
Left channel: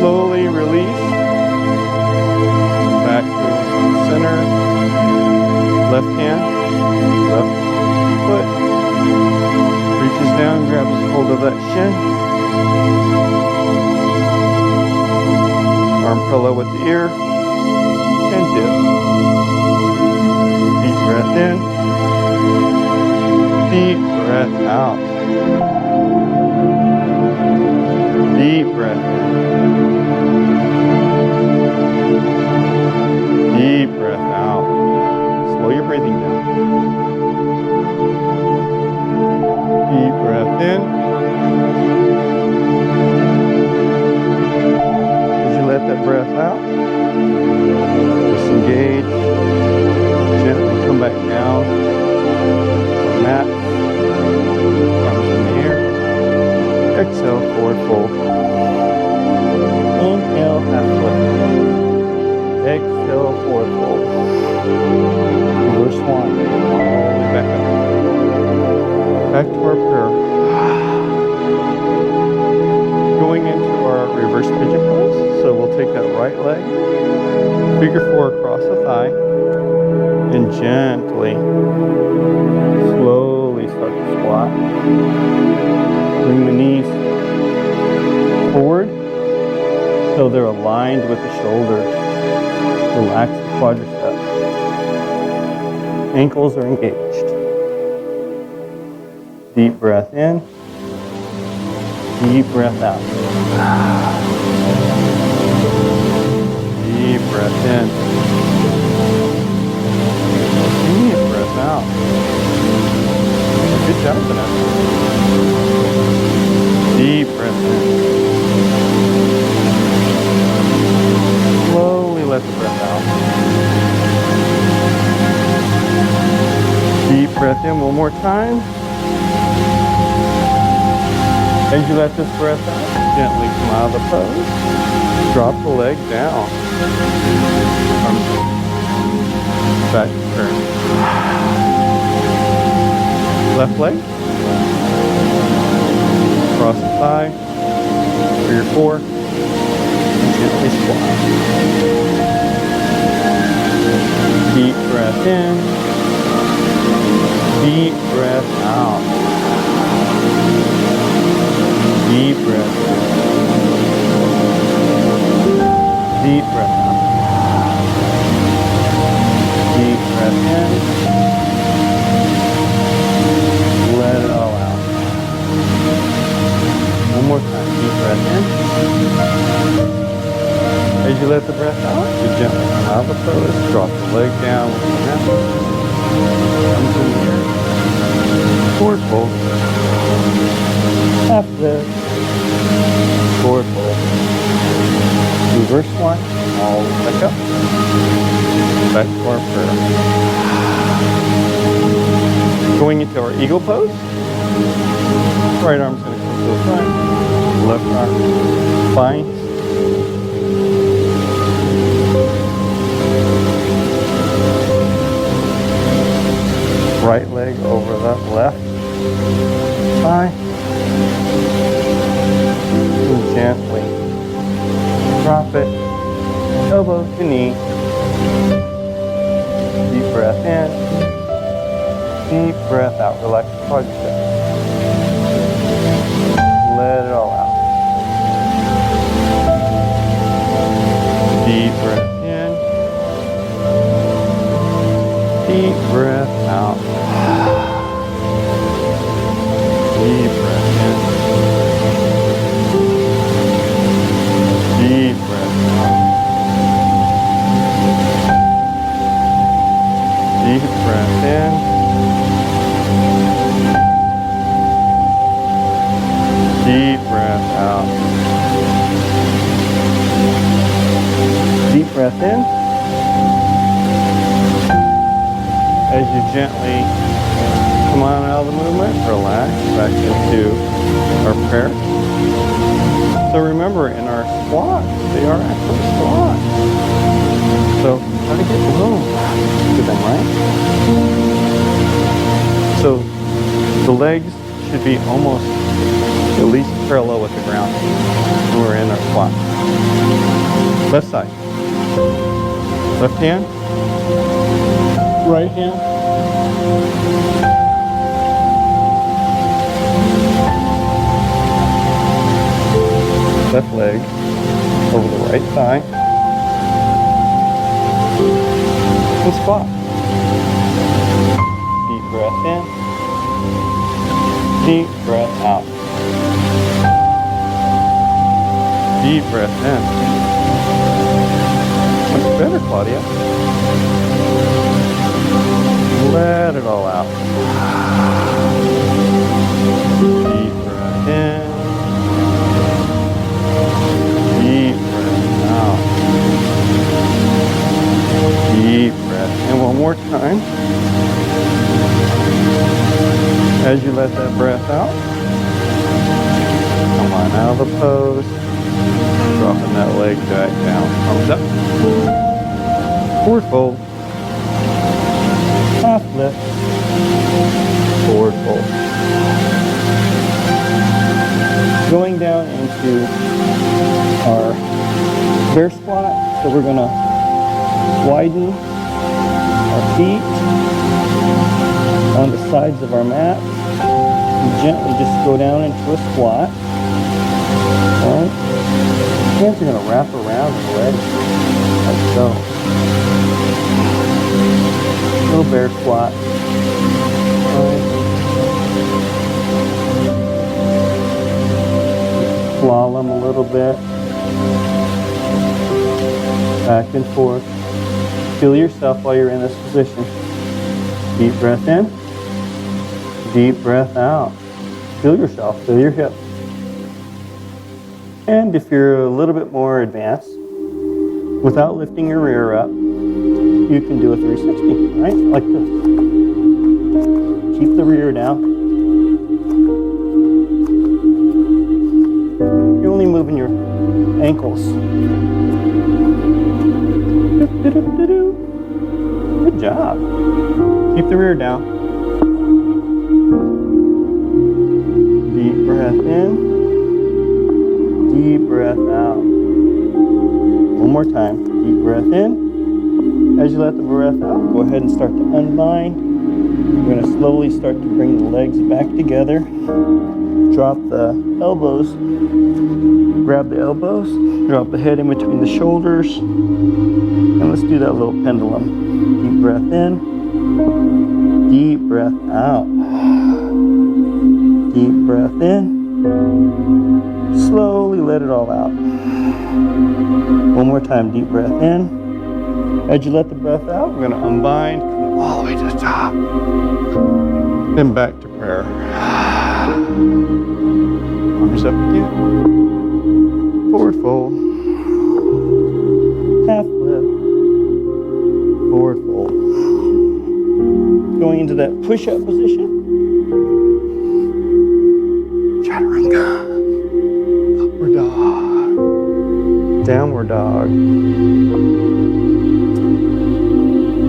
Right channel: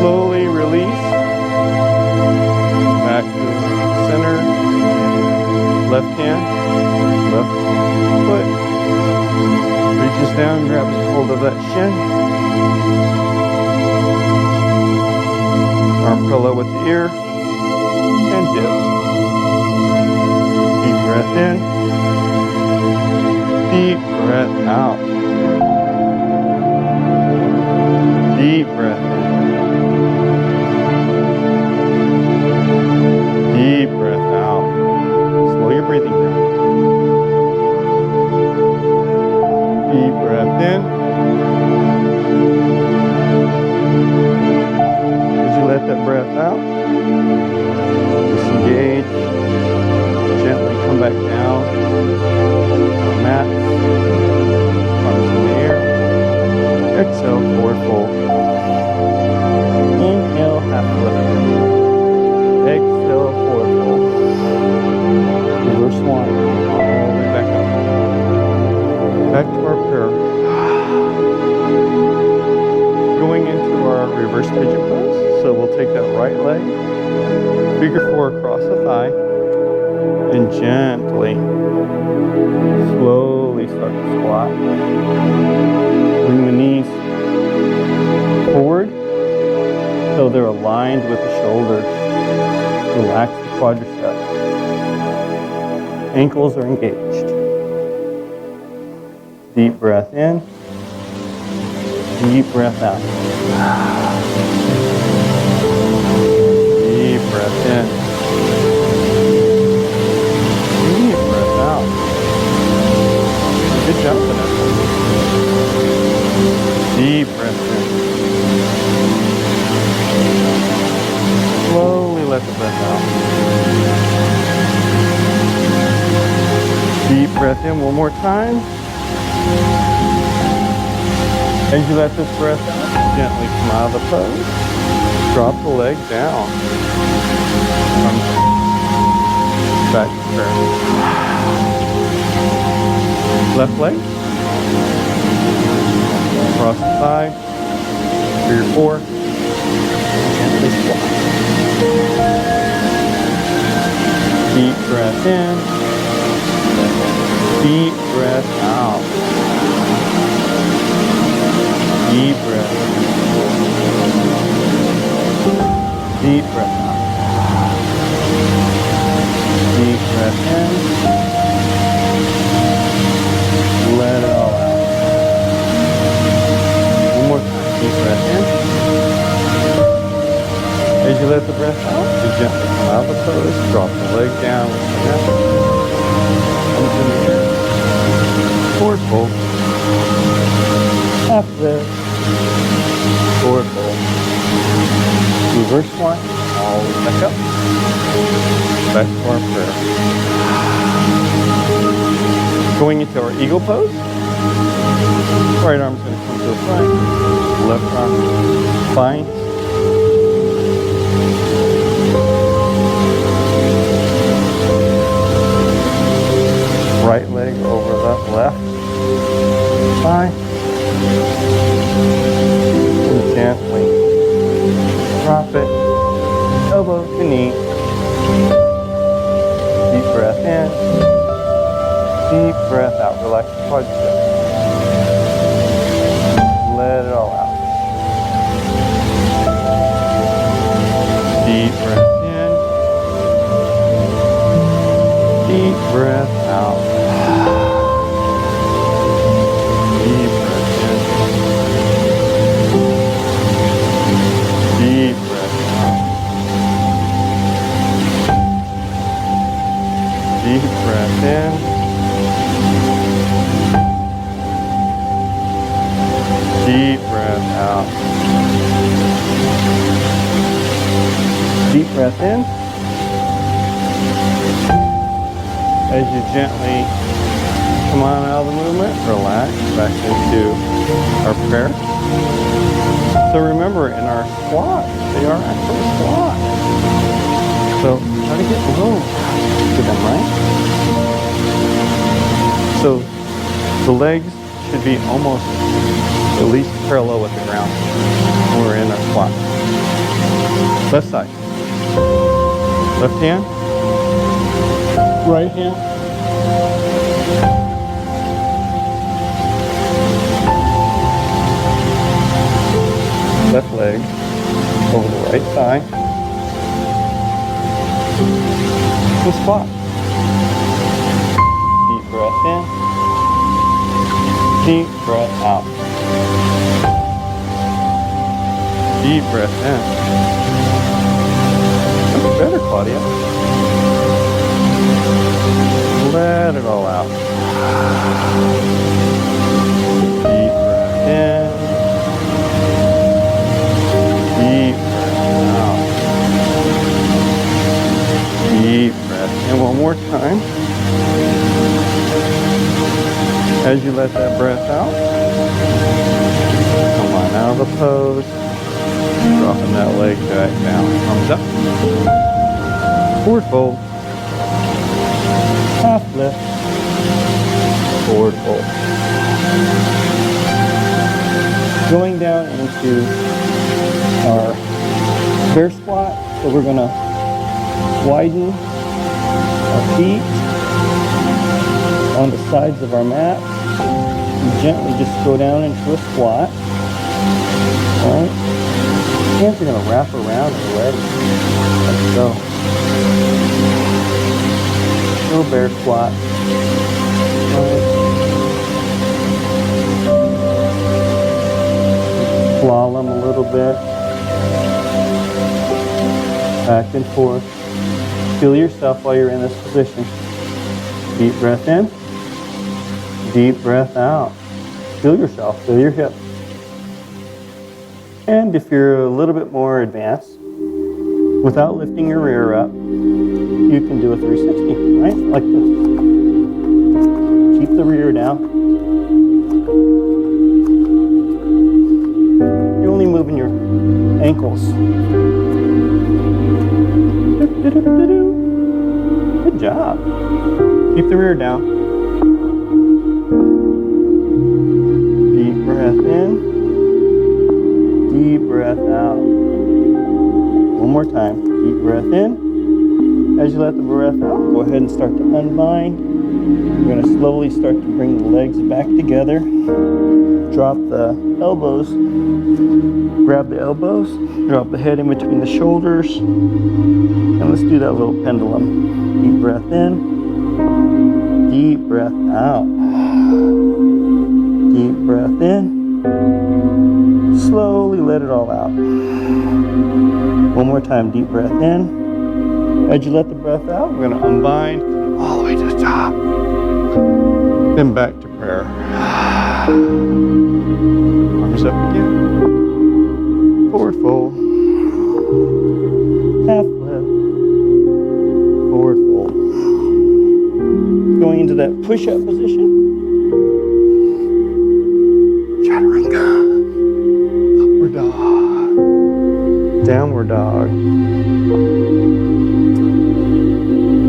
Slowly release. Back to center. Left hand. Left foot. Reaches down, grabs hold of that shin. Arm parallel with the ear. And dip. Deep breath in. Deep breath out. Deep breath in. Deep breath out. Slow your breathing down. Deep breath in. As you let that breath out, disengage. Gently come back down. Our mat. Arms in the air. Exhale, forward fold. Inhale, half lift. Exhale, forward fold. Reverse swan. All the way back up. Back to our prayer. Going into our reverse pigeon pose. So we'll take that right leg, figure four across the thigh, and gently, slowly start to squat. Bring the knees forward till they're aligned with the shoulders. Relax the quadricep. Ankles are engaged. Deep breath in. Deep breath out. Deep breath in. Deep breath out. Good job, Vinyasa. Deep breath in. Slowly let the breath out. Deep breath in one more time. As you let this breath out, gently come out of the pose. Drop the leg down. Arms back to turn. Left leg. Cross the thigh. Figure four. And gently squat. Deep breath in. Deep breath out. Deep breath in. Deep breath out. Deep breath in. Let it all out. One more time. Deep breath in. As you let the breath out, you gently come out of the pose. Drop the leg down with the neck. Comes in the air. Forward fold. Half lift. Forward fold. Reverse one. All the way back up. Back to our prayer. Going into our eagle pose. Right arm's going to come to the front. Left arm finds. Right leg over the left thigh. And gently drop it. Elbow to knee. Deep breath in. Deep breath out. Relax the quadricep. Let it all out. Deep breath in. Deep breath out. Deep breath in. Deep breath out. Deep breath in. Deep breath out. Deep breath in. As you gently come on out of the movement, relax back into our prayer. So remember, in our squats, they are actually squats. So try to get low to them, right? So the legs should be almost at least parallel with the ground when we're in our squat. Left side. Left hand. Right hand. Left leg over the right thigh. And squat. Deep breath in. Deep breath out. Deep breath in. Much better, Claudia. Let it all out. Deep breath in. Deep breath out. Deep breath in. One more time. As you let that breath out, come on out of the pose. Dropping that leg back down. Arms up. Forward fold. Half lift. Forward fold. Going down into our bear squat. So we're going to widen our feet on the sides of our mat. And gently just go down into a squat. All right. Hands are going to wrap around the legs like so. Little bear squat. Right. Slalom a little bit. Back and forth. Feel yourself while you're in this position. Deep breath in. Deep breath out. Feel yourself. Feel your hips. And if you're a little bit more advanced, without lifting your rear up, you can do a 360, right? Like this. Keep the rear down. You're only moving your ankles. Good job. Keep the rear down. Deep breath in. Deep breath out. One more time. Deep breath in. As you let the breath out, go ahead and start to unbind. We're going to slowly start to bring the legs back together. drop the elbows, grab the elbows, drop the head in between the shoulders, and let's do that little pendulum. Deep breath in, deep breath out. Deep breath in, slowly let it all out. One more time, deep breath in. As you let the breath out, we're gonna unbind, come all the way to the top. Then back to prayer. Arms up again. Forward fold. Half lift. Forward fold. Going into that push-up position. Chaturanga. Upward dog. Downward dog.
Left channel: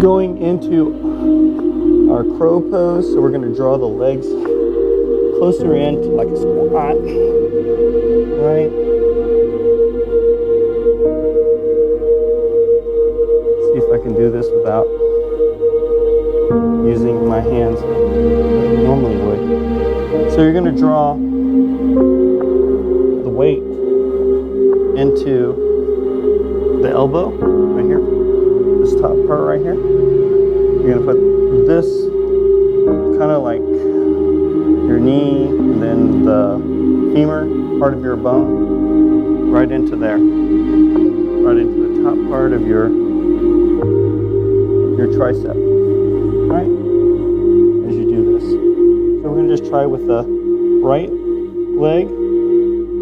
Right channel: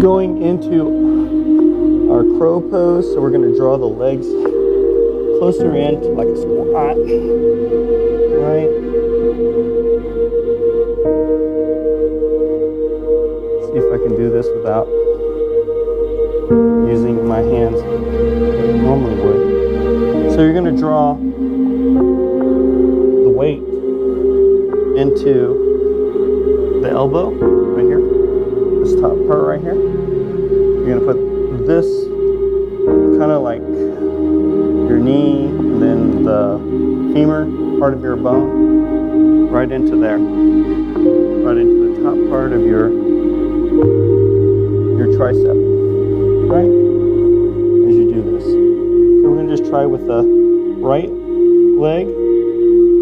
Going into our crow pose, so we're going to draw the legs closer in to like a squat, right? See if I can do this without using my hands like I normally would. So you're going to draw the weight into the elbow right here, this top part right here. You're going to put this kind of like your knee and then the femur part of your bone right into there, right into the top part of your tricep, right? As you do this. So we're going to just try with the right leg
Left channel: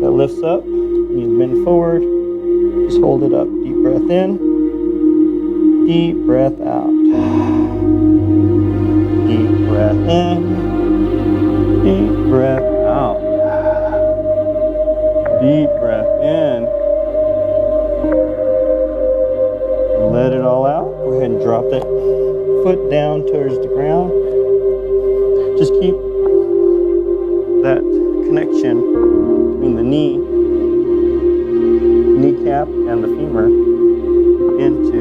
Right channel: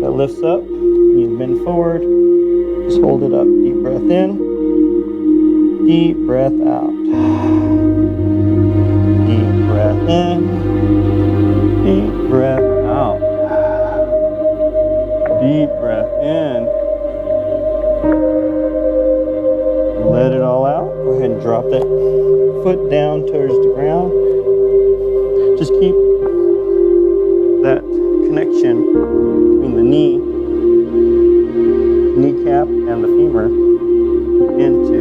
that lifts up. You bend forward, just hold it up. Deep breath in, deep breath out. Deep breath in, deep breath out. Deep breath in. Let it all out. Go ahead and drop that foot down towards the ground. Just keep that connection between the knee, kneecap, and the femur into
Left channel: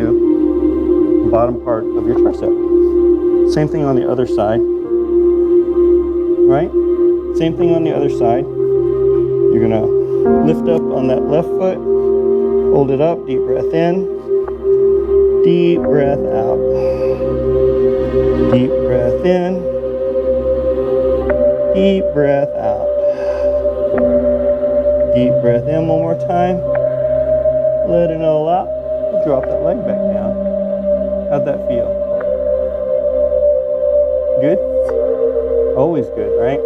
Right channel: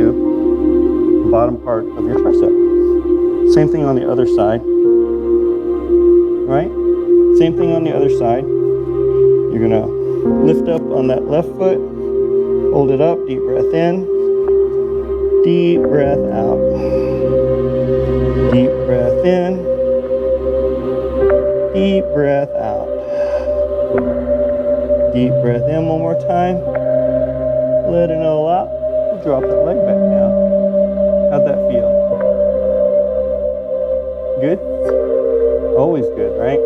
the bottom part of your tricep. Same thing on the other side, right? Same thing on the other side. You're gonna lift up on that left foot, hold it up, deep breath in, deep breath out. Deep breath in, deep breath out. Deep breath in one more time. Let it all out. Drop that leg back down. How'd that feel? Good? Always good, right?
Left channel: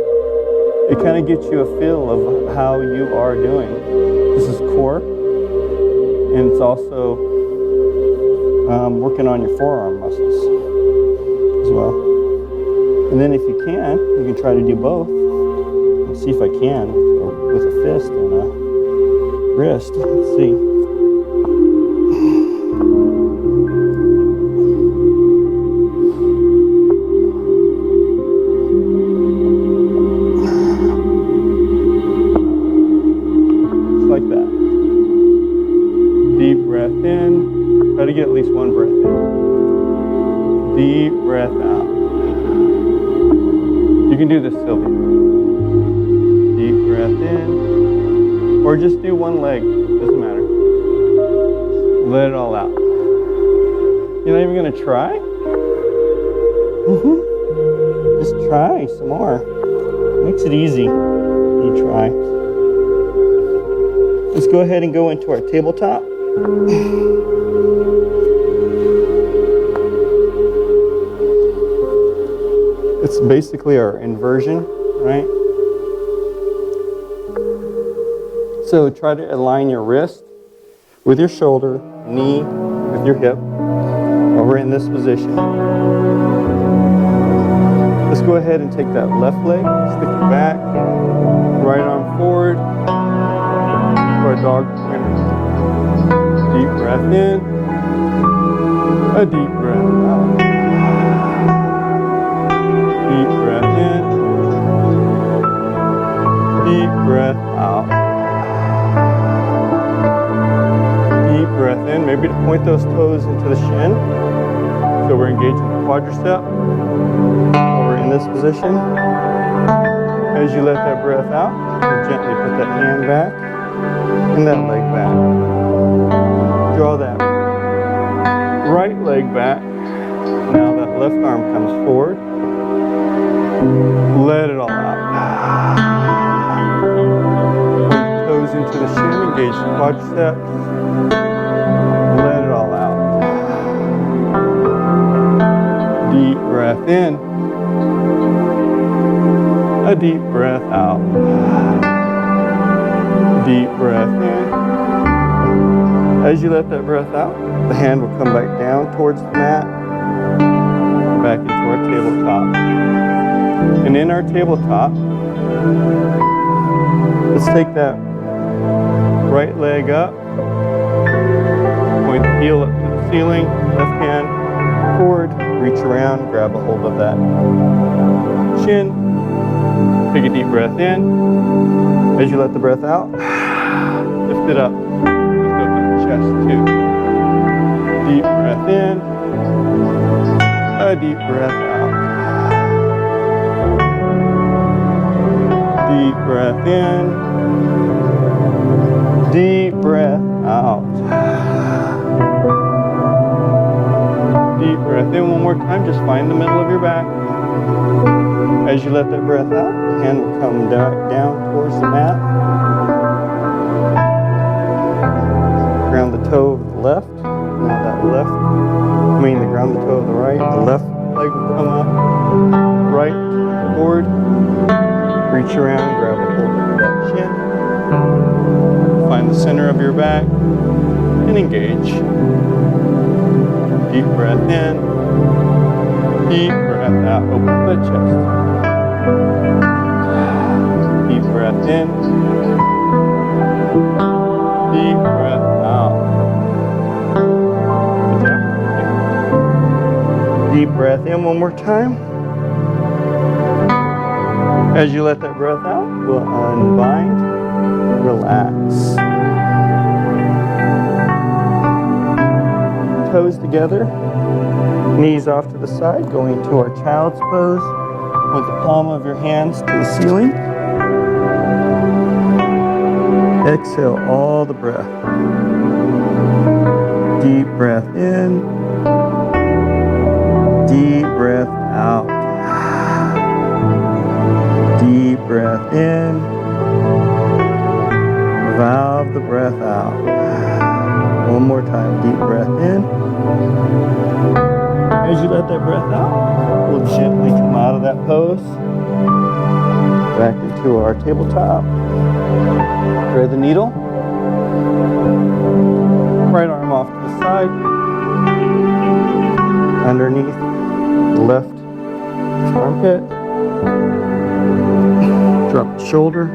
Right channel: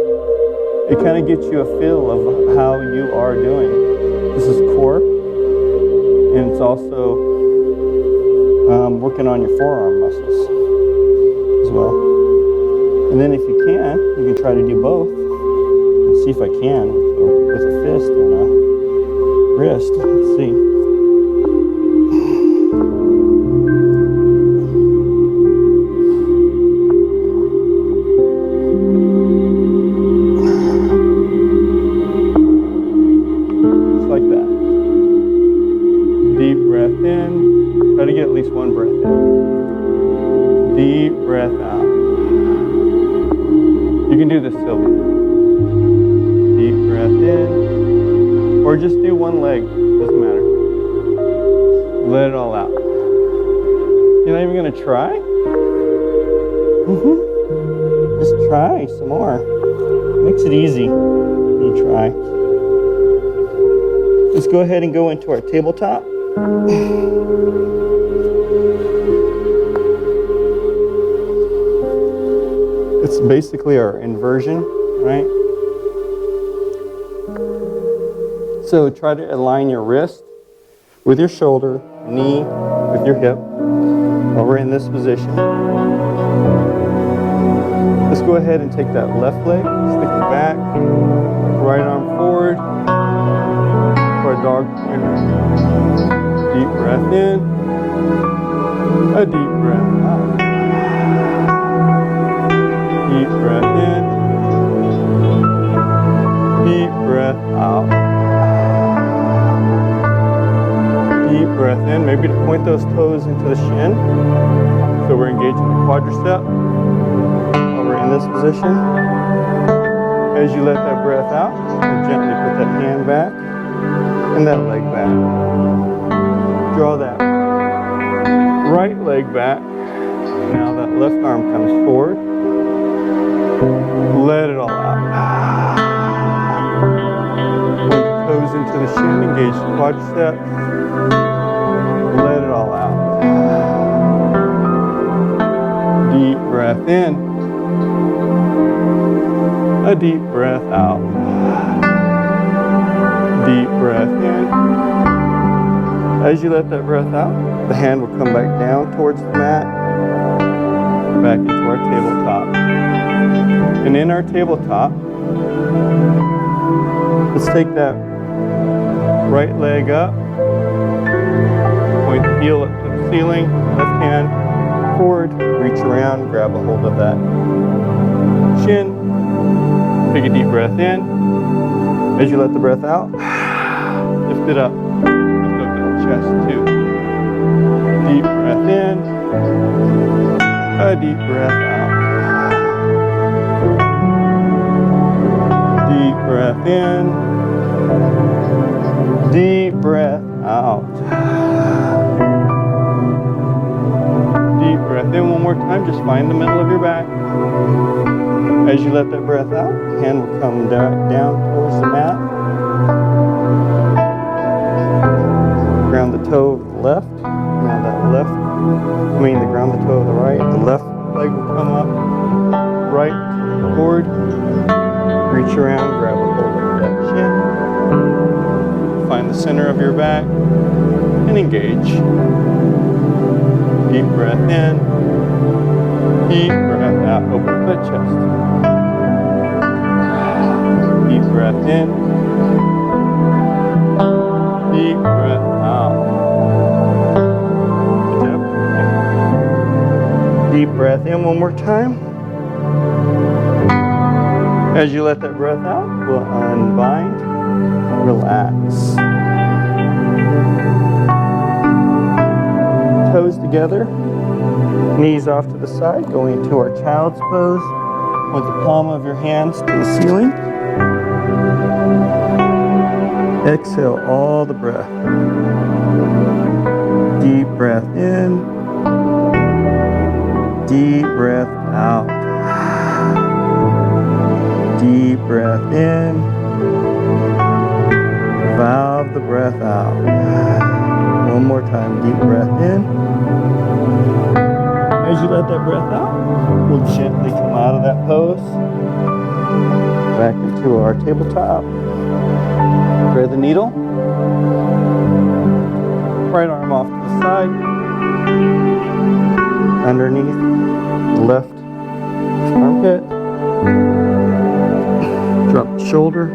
It kind of gets you a feel of how you are doing. This is core, and it's also working on your forearm muscles as well. And then if you can try to do both. Let's see if I can with a fist and a wrist. Let's see. Like that. Deep breath in. Try to get at least one breath in. Deep breath out. You can do this, Sylvia. Deep breath in. Or just do one leg. Doesn't matter. Let it all out. You're not even going to try? Just try some more. Makes it easy. You try. Let's go ahead and go into our tabletop. It's basically our inversion, right? So try to align your wrist with your shoulder, knee with your hip, while we're in this position. Let's go ahead and take that left leg, stick it back, right arm forward, for a dog pointer. Deep breath in, a deep breath out. Deep breath in, deep breath out. Deep breath in, maybe to point those toes into the shin. So we're engaging the quadricep while we're in this position. As you let that breath out, gently put that hand back and that leg back. Draw that right leg back. Now that left arm comes forward. Let it all out. Point the toes into the shin, engage the quadriceps. Let it all out. Deep breath in. A deep breath out. Deep breath in. As you let that breath out, the hand will come back down towards the mat, back into our tabletop. And in our tabletop, let's take that right leg up, point the heel up to the ceiling, left hand forward, reach around, grab a hold of that shin, take a deep breath in. As you let the breath out, lift it up, lift up that chest too. Deep breath in, a deep breath out. Deep breath in, deep breath out. Deep breath in one more time, just find the middle of your back. As you let that breath out, the hand will come down towards the mat. Ground the toe of the left. Now that ground the toe of the right. The left leg will come up, right, forward. Reach around, grab a hold of that shin. Find the center of your back and engage. Deep breath in. Deep breath out. Open up that chest. Deep breath in. Deep breath out. Good job. Deep breath in one more time. As you let that breath out, we'll unbind, relax. Toes together, knees off to the side, going into our child's pose. Point the palm of your hands to the ceiling. Exhale all the breath. Deep breath in. Deep breath out. Deep breath in. Valve the breath out. One more time. Deep breath in. As you let that breath out, we'll gently come out of that pose. Back into our tabletop. Thread the needle. Right arm off to the side. Underneath the left armpit. Drop the shoulder,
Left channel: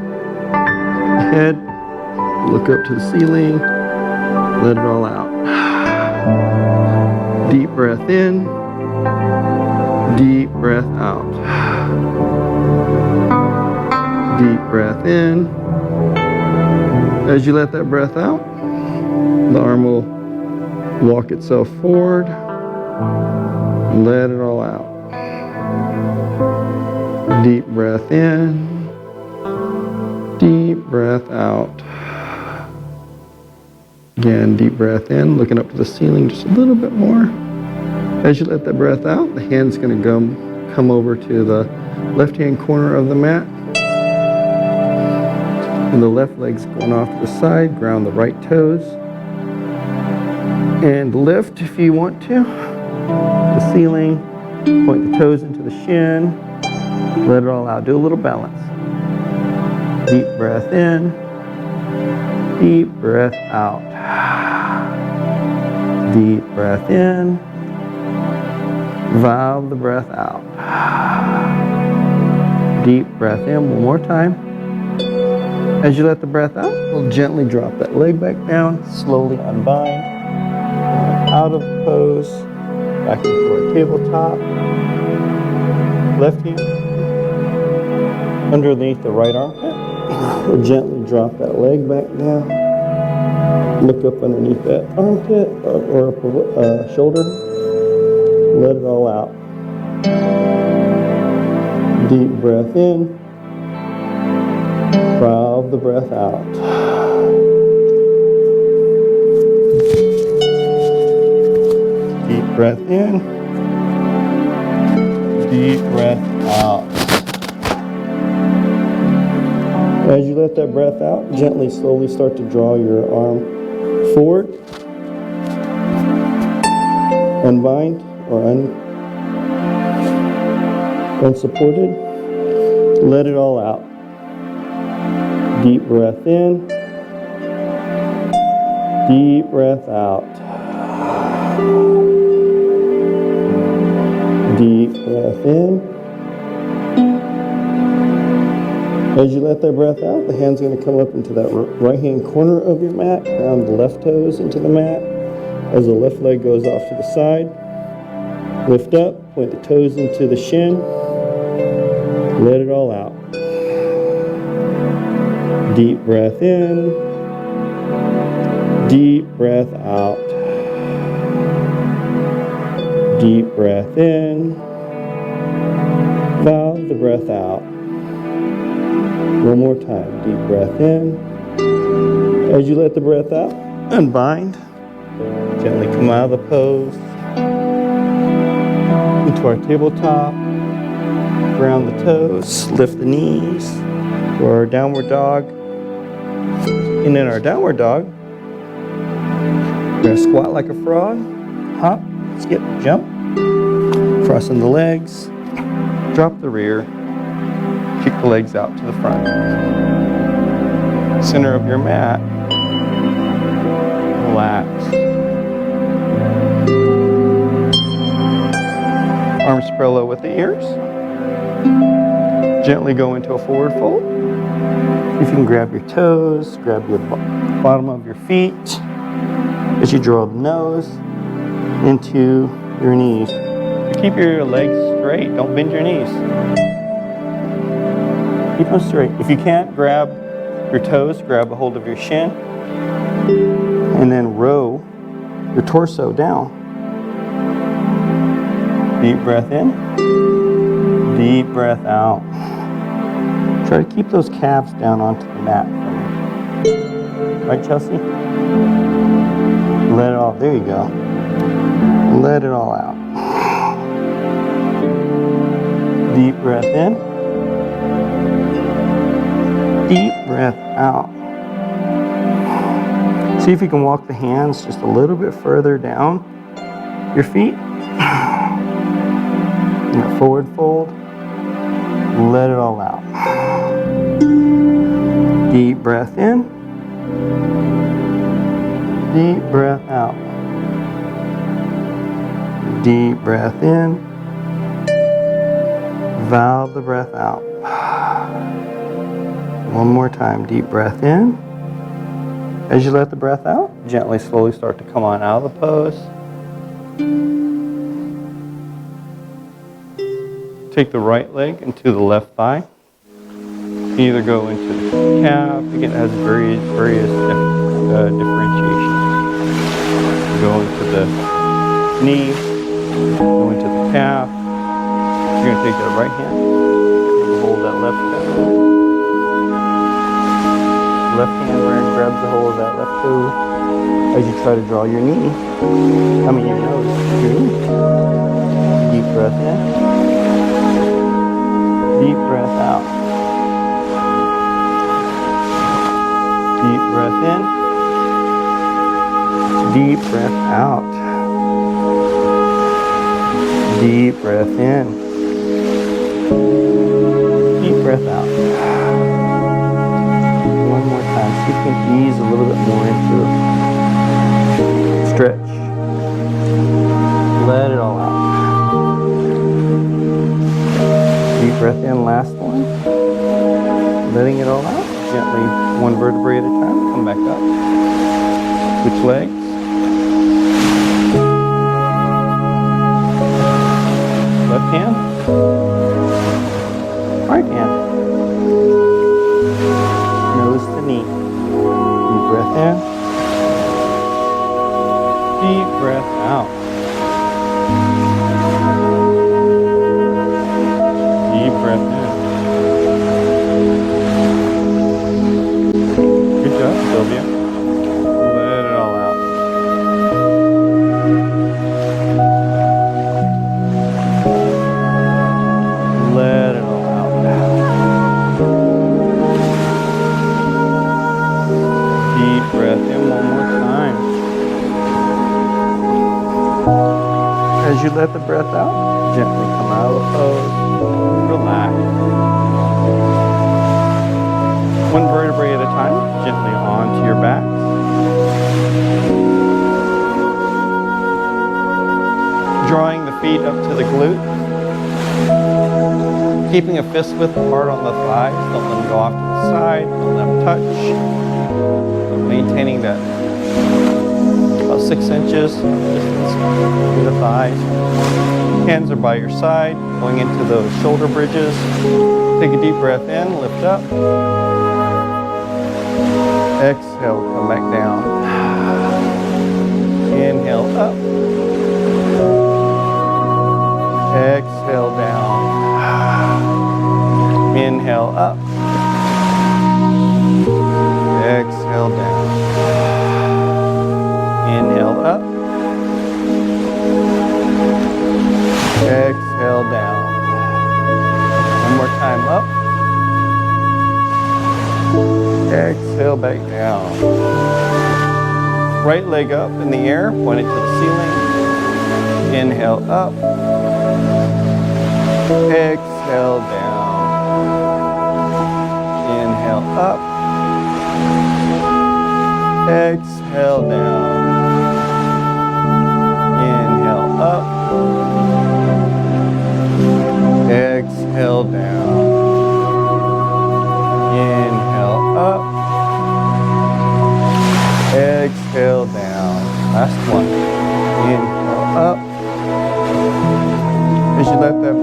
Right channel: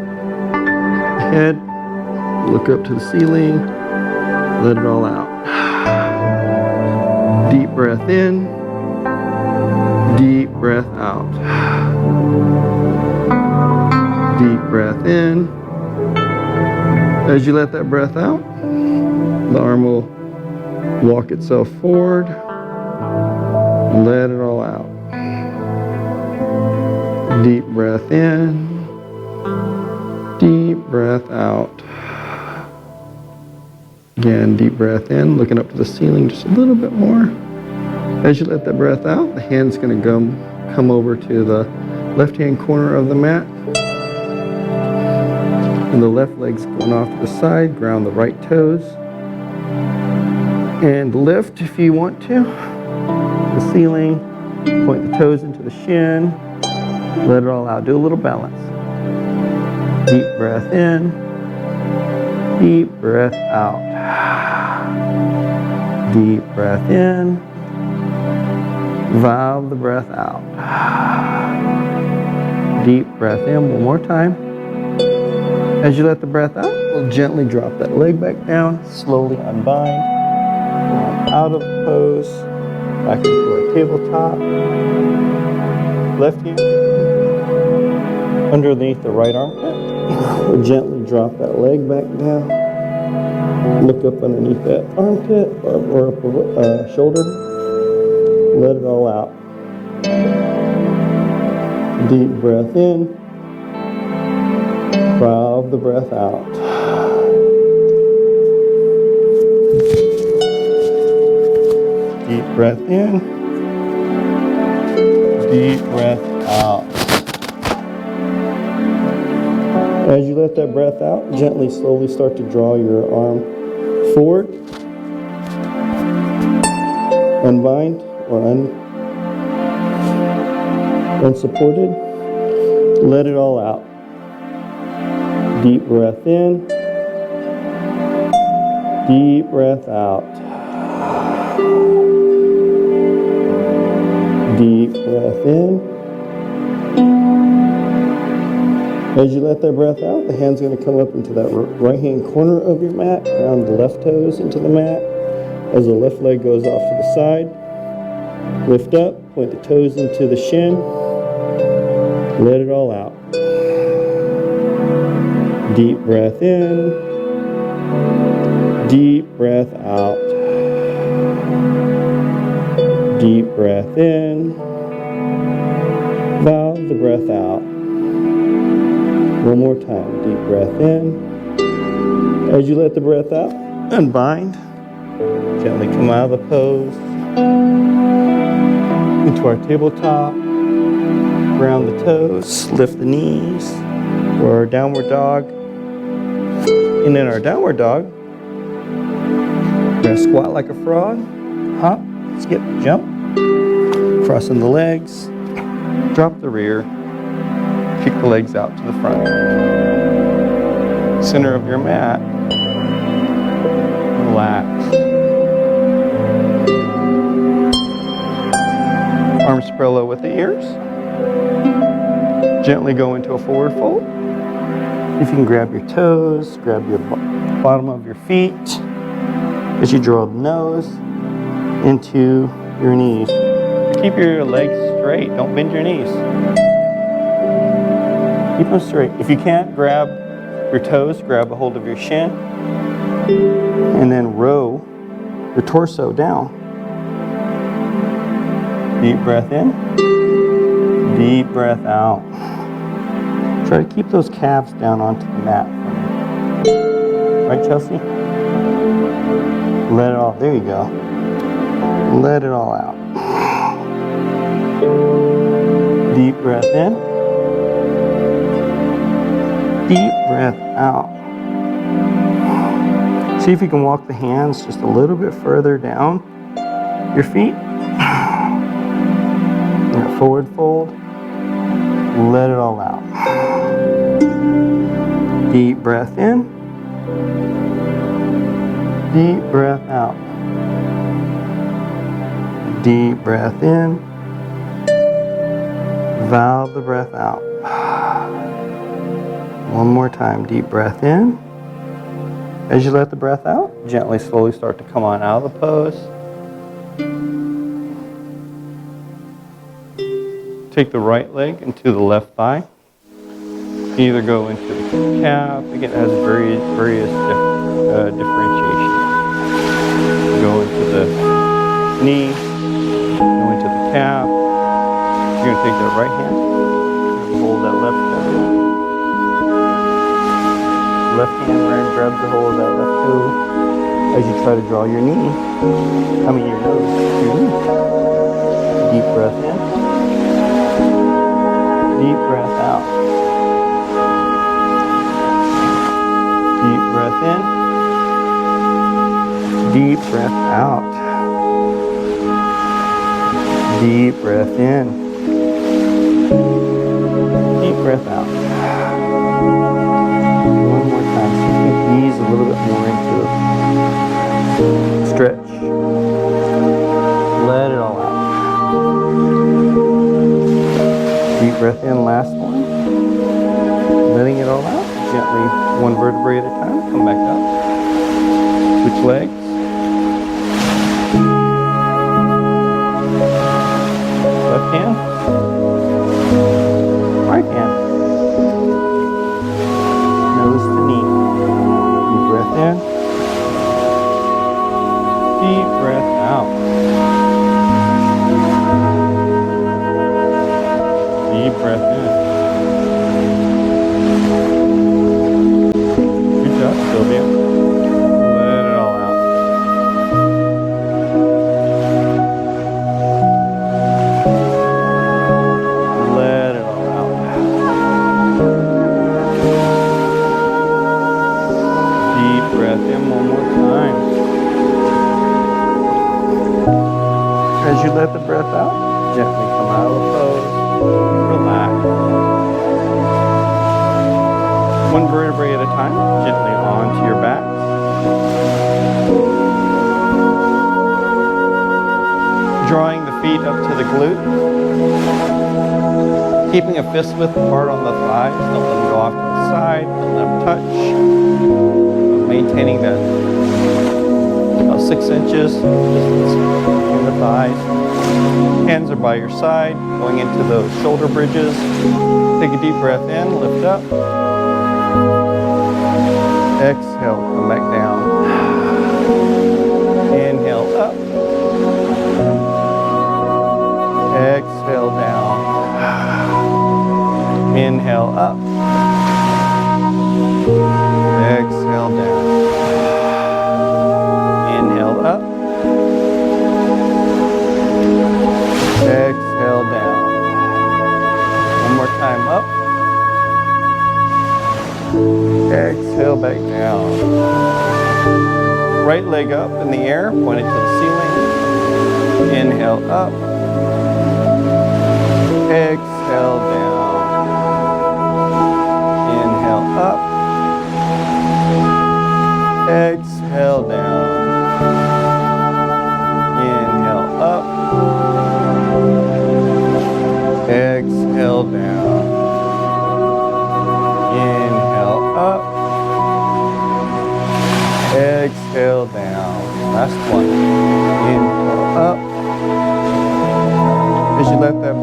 head, look up to the ceiling, let it all out. Deep breath in, deep breath out. Deep breath in. As you let that breath out, the arm will walk itself forward, let it all out. Deep breath in. Deep breath out. Again, deep breath in, looking up to the ceiling just a little bit more. As you let that breath out, the hand's going to come over to the left-hand corner of the mat. And the left leg's going off to the side. Ground the right toes. And lift if you want to. The ceiling. Point the toes into the shin. Let it all out. Do a little balance. Deep breath in. Deep breath out. Deep breath in. Valve the breath out. Deep breath in one more time. As you let the breath out, we'll gently drop that leg back down, slowly unbind, out of the pose, back into our tabletop. Left hand underneath the right armpit. We'll gently drop that leg back down. Look up underneath that armpit or up shoulder. Let it all out. Deep breath in. Valve the breath out. Deep breath in. Deep breath out. As you let that breath out, gently, slowly start to draw your arm forward. Unbind or unsupported. Let it all out. Deep breath in. Deep breath out. Deep breath in. As you let that breath out, the hand's going to come up into that right hand corner of your mat, ground the left toes into the mat. As the left leg goes off to the side, lift up, point the toes into the shin, let it all out. Deep breath in, deep breath out. Deep breath in, valve the breath out. One more time, deep breath in. As you let the breath out, unbind. Gently come out of the pose into our tabletop. Ground the toes, lift the knees for our downward dog. And in our downward dog, we're going to squat like a frog, hop, skip, jump, crossing the legs, drop the rear, kick the legs out to the front. Center of your mat, relax. Arms parallel with the ears. Gently go into a forward fold. See if you can grab your toes, grab your bottom of your feet as you draw the nose into your knees. Keep your legs straight, don't bend your knees. Keep them straight. If you can't grab your toes, grab a hold of your shin and then row your torso down. Deep breath in, deep breath out. Try to keep those calves down onto the mat for me. Right, Chelsea? Let it all, there you go. Let it all out. Deep breath in. Deep breath out. See if you can walk the hands just a little bit further down your feet. That forward fold. Let it all out. Deep breath in. Deep breath out. Deep breath in. Valve the breath out. One more time. Deep breath in. As you let the breath out, gently, slowly start to come on out of the pose. Take the right leg into the left thigh. You can either go into the calf. Again, it has various differentiation. Go into the knee, go into the calf. You're going to take that right hand, hold that left toe. Left hand grabs the hold of that left toe as you try to draw your knee, your nose to your knee. Deep breath in. Deep breath out. Deep breath in. Deep breath out. Deep breath in. Deep breath out. One more time. See if you can ease a little bit more into the stretch. Let it all out. Deep breath in, last one. Letting it all out. Gently, one vertebrae at a time. Come back up. Switch legs. Left hand. Right hand. Nose to knee. Deep breath in. Deep breath out. Deep breath in. up, Sylvia. Let it all out. Let it all out. Deep breath in one more time. As you let the breath out, gently come out of the pose. Relax. One vertebrae at a time, gently onto your backs. Drawing the feet up to the glutes. Keeping a fist width apart on the thighs. Don't let them go off to the side. Don't let them touch. Maintaining that about 6 inches distance in the thighs. Hands are by your side, going into those shoulder bridges. Take a deep breath in, lift up. Exhale, come back down. Inhale up. Exhale down. Inhale up. Exhale down. Inhale up. Exhale down. One more time up. Exhale back down. Right leg up in the air, point it to the ceiling. Inhale up. Exhale down. Inhale up. Exhale down. Inhale up. Exhale down. Inhale up. Exhale down. Last one. Inhale up. As you let them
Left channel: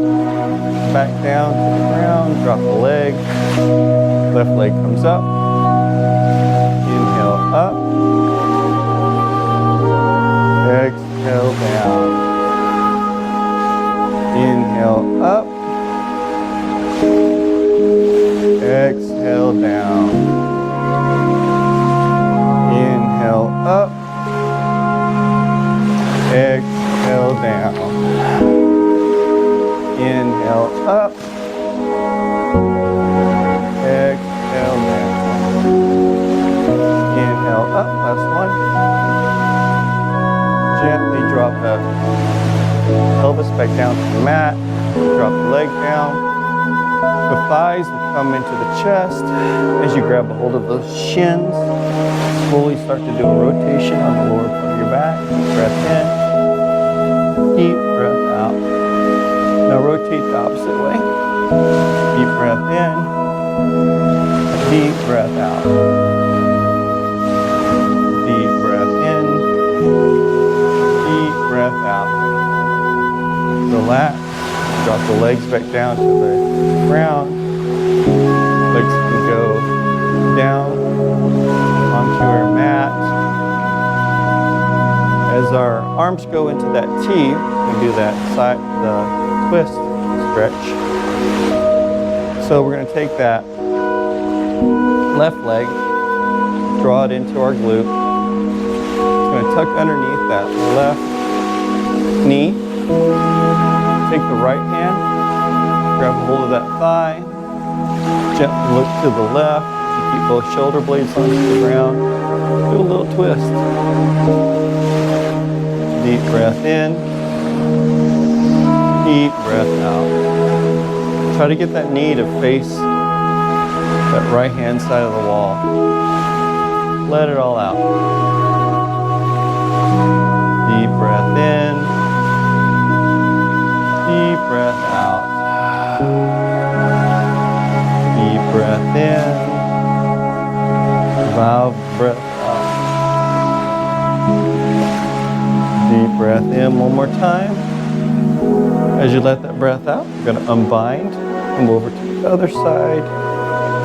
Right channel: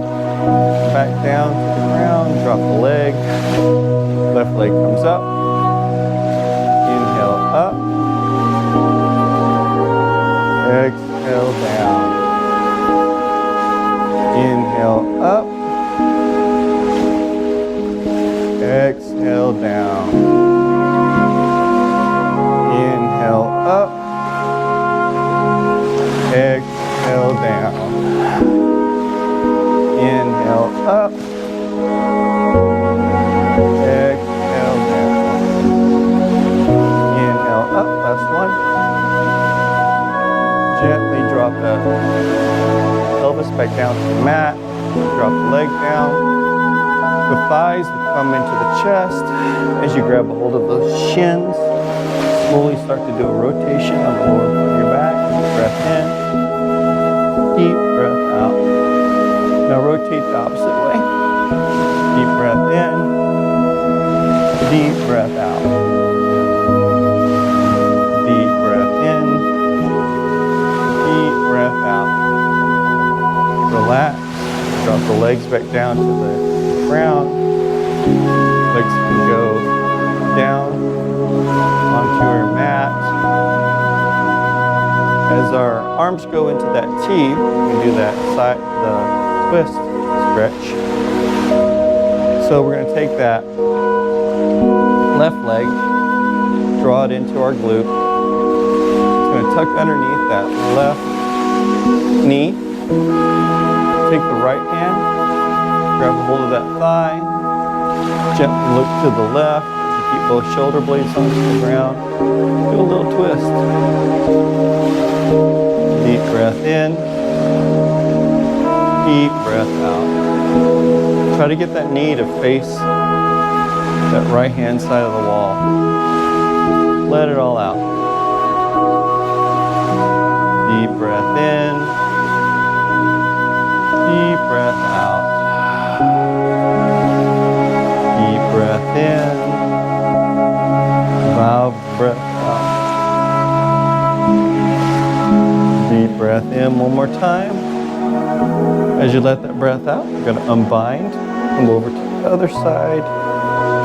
back down to the ground, drop the leg. Left leg comes up. Inhale up. Exhale down. Inhale up. Exhale down. Inhale up. Exhale down. Inhale up. Exhale down. Inhale up. Last one. Gently drop that pelvis back down to the mat. Drop the leg down. The thighs will come into the chest. As you grab a hold of those shins, slowly start to do a rotation on the lower part of your back. Deep breath in. Deep breath out. Now rotate the opposite way. Deep breath in. Deep breath out. Deep breath in. Deep breath out. Relax. Drop the legs back down to the ground. Legs can go down onto our mat. As our arms go into that T, we can do that side, the twist stretch. So we're going to take that left leg, draw it into our glute. It's going to tuck underneath that left knee. Take the right hand, grab a hold of that thigh, gently look to the left. You keep both shoulder blades onto the ground. Do a little twist. Deep breath in. Deep breath out. Try to get that knee to face that right hand side of the wall. Let it all out. Deep breath in. Deep breath out. Deep breath in. Valve breath out. Deep breath in one more time. As you let that breath out, you're going to unbind, come over to the other side,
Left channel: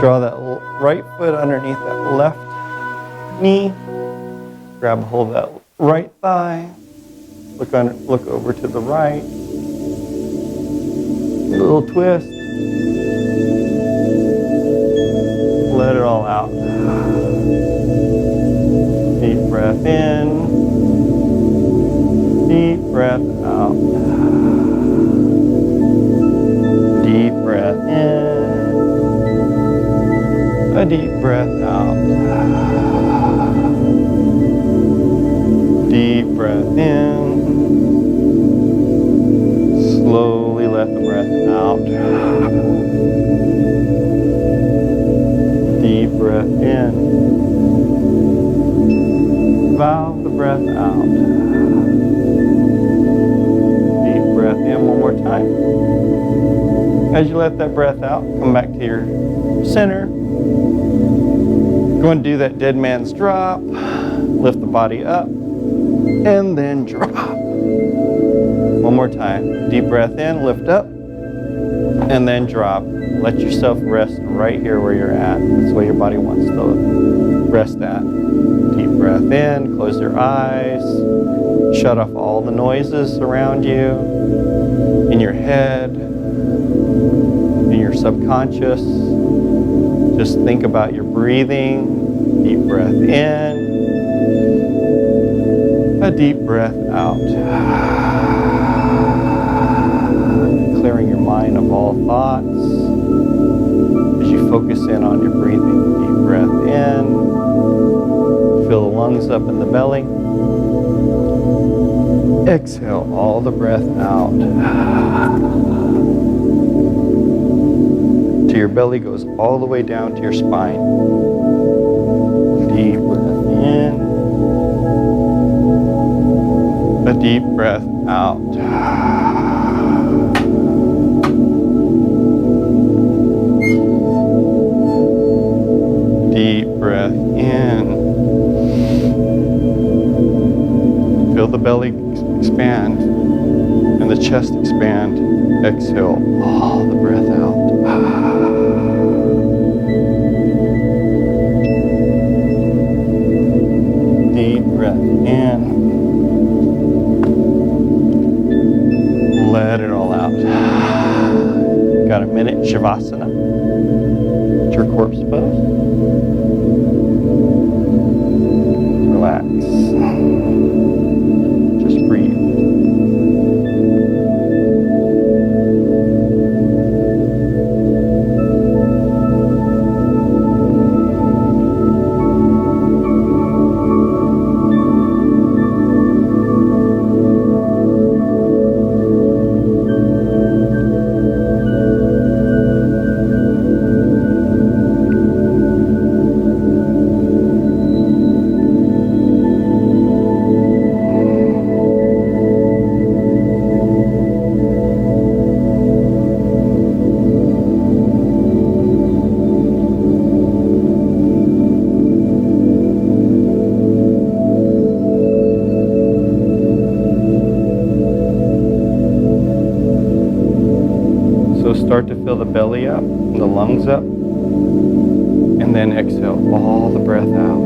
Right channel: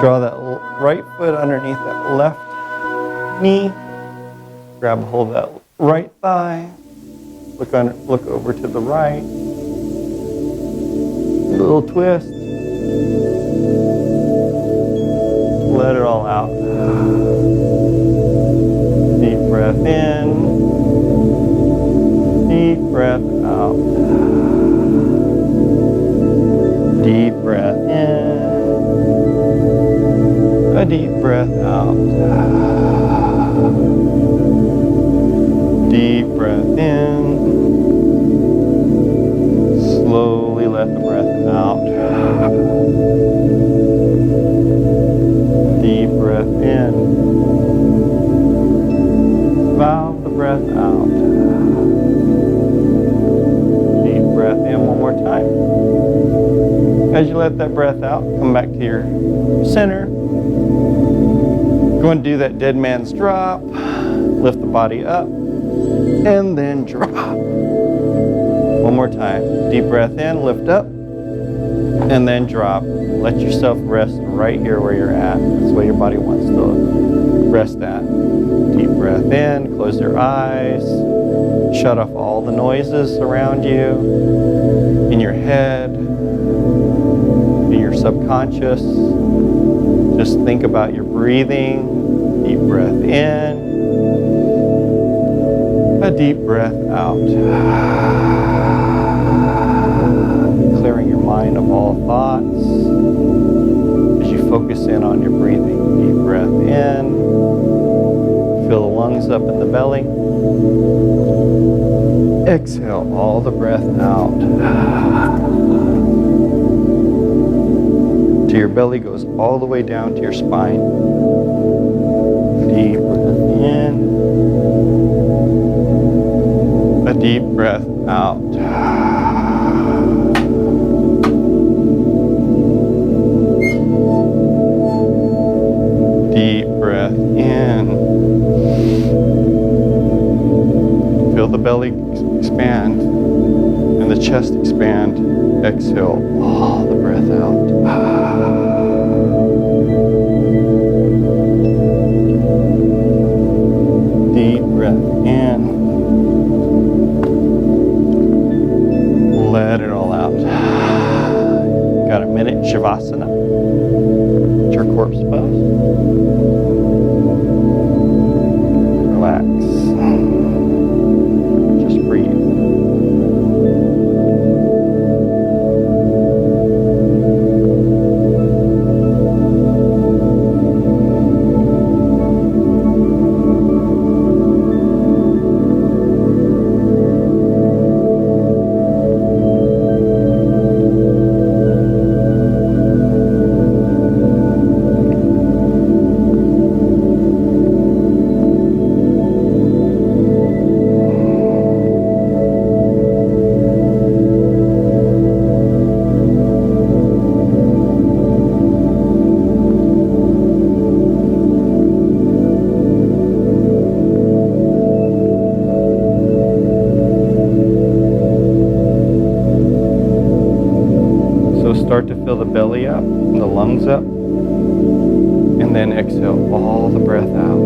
draw that right foot underneath that left knee, grab a hold of that right thigh, look over to the right, little twist, let it all out. breath in, deep breath out. Deep breath in, a deep breath out. Deep breath in, slowly let the breath out. Deep breath in, valve the breath out. Deep breath in one more time. As you let that breath out, come back to your center. Go and do that dead man's drop. Lift the body up and then drop. One more time. Deep breath in, lift up, and then drop. Let yourself rest right here where you're at. That's where your body wants to rest at. Deep breath in, close your eyes. Shut off all the noises around you, in your head, in your subconscious. Just think about your breathing. Deep breath in, a deep breath out. Clearing your mind of all thoughts as you focus in on your breathing. Deep breath in, fill the lungs up in the belly. Exhale all the breath out. Till your belly goes all the way down to your spine. Deep breath in, a deep breath out. Deep breath in. Feel the belly expand and the chest expand. Exhale all the breath out. Deep breath in. Let it all out. Got a minute, Shavasana. It's your corpse pose. Relax. Just breathe. So start to fill the belly up and the lungs up, and then exhale all the breath out.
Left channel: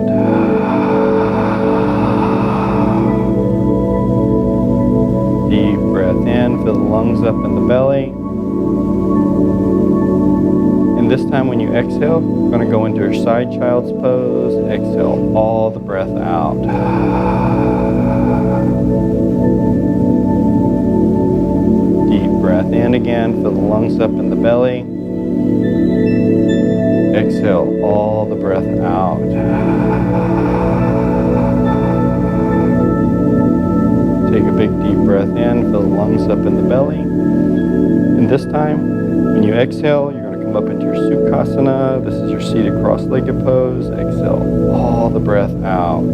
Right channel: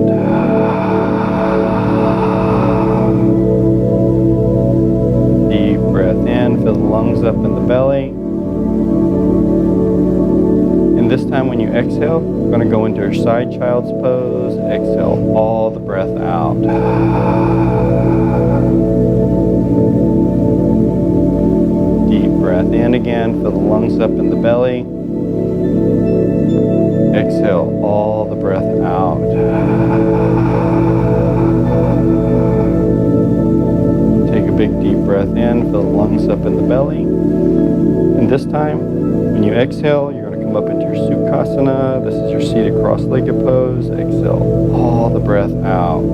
Deep breath in, fill the lungs up in the belly. And this time when you exhale, we're going to go into your side child's pose. Exhale all the breath out. Deep breath in again, fill the lungs up in the belly. Exhale all the breath out. Take a big deep breath in, fill the lungs up in the belly. And this time, when you exhale, you're going to come up into your Sukhasana. This is your seated cross-legged pose. Exhale all the breath out.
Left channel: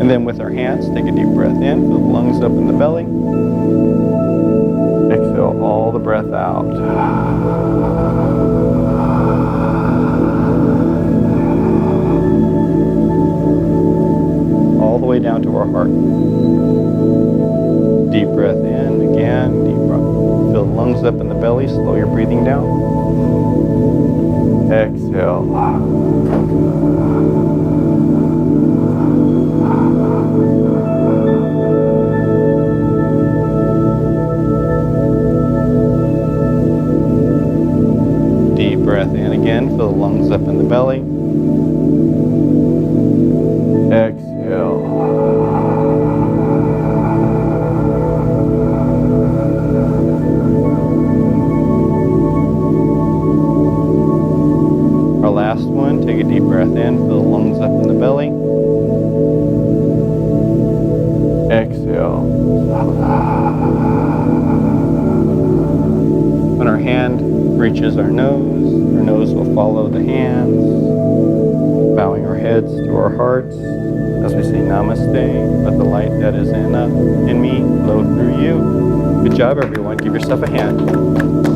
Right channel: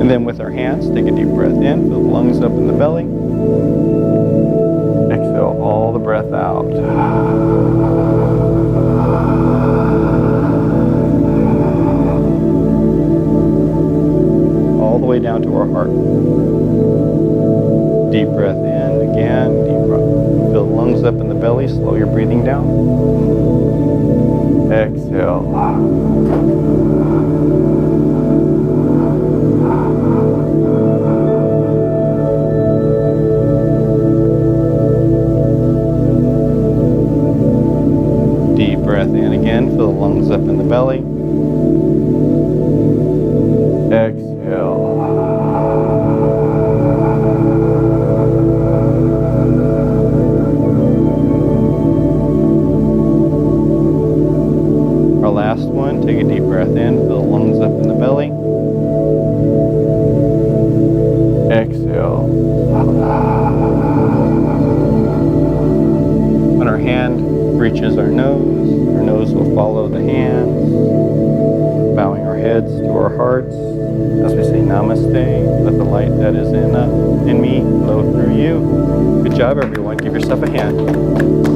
And then with our hands, take a deep breath in, fill the lungs up in the belly. Exhale all the breath out. All the way down to our heart. Deep breath in, again, deep breath. Fill the lungs up in the belly, slow your breathing down. Exhale. Deep breath in again, fill the lungs up in the belly. Exhale. Our last one, take a deep breath in, fill the lungs up in the belly. Exhale. When our hand reaches our nose will follow the hands, bowing our heads to our hearts as we say namaste. Let the light that is in me flow through you. Good job, everyone. Give yourself a hand.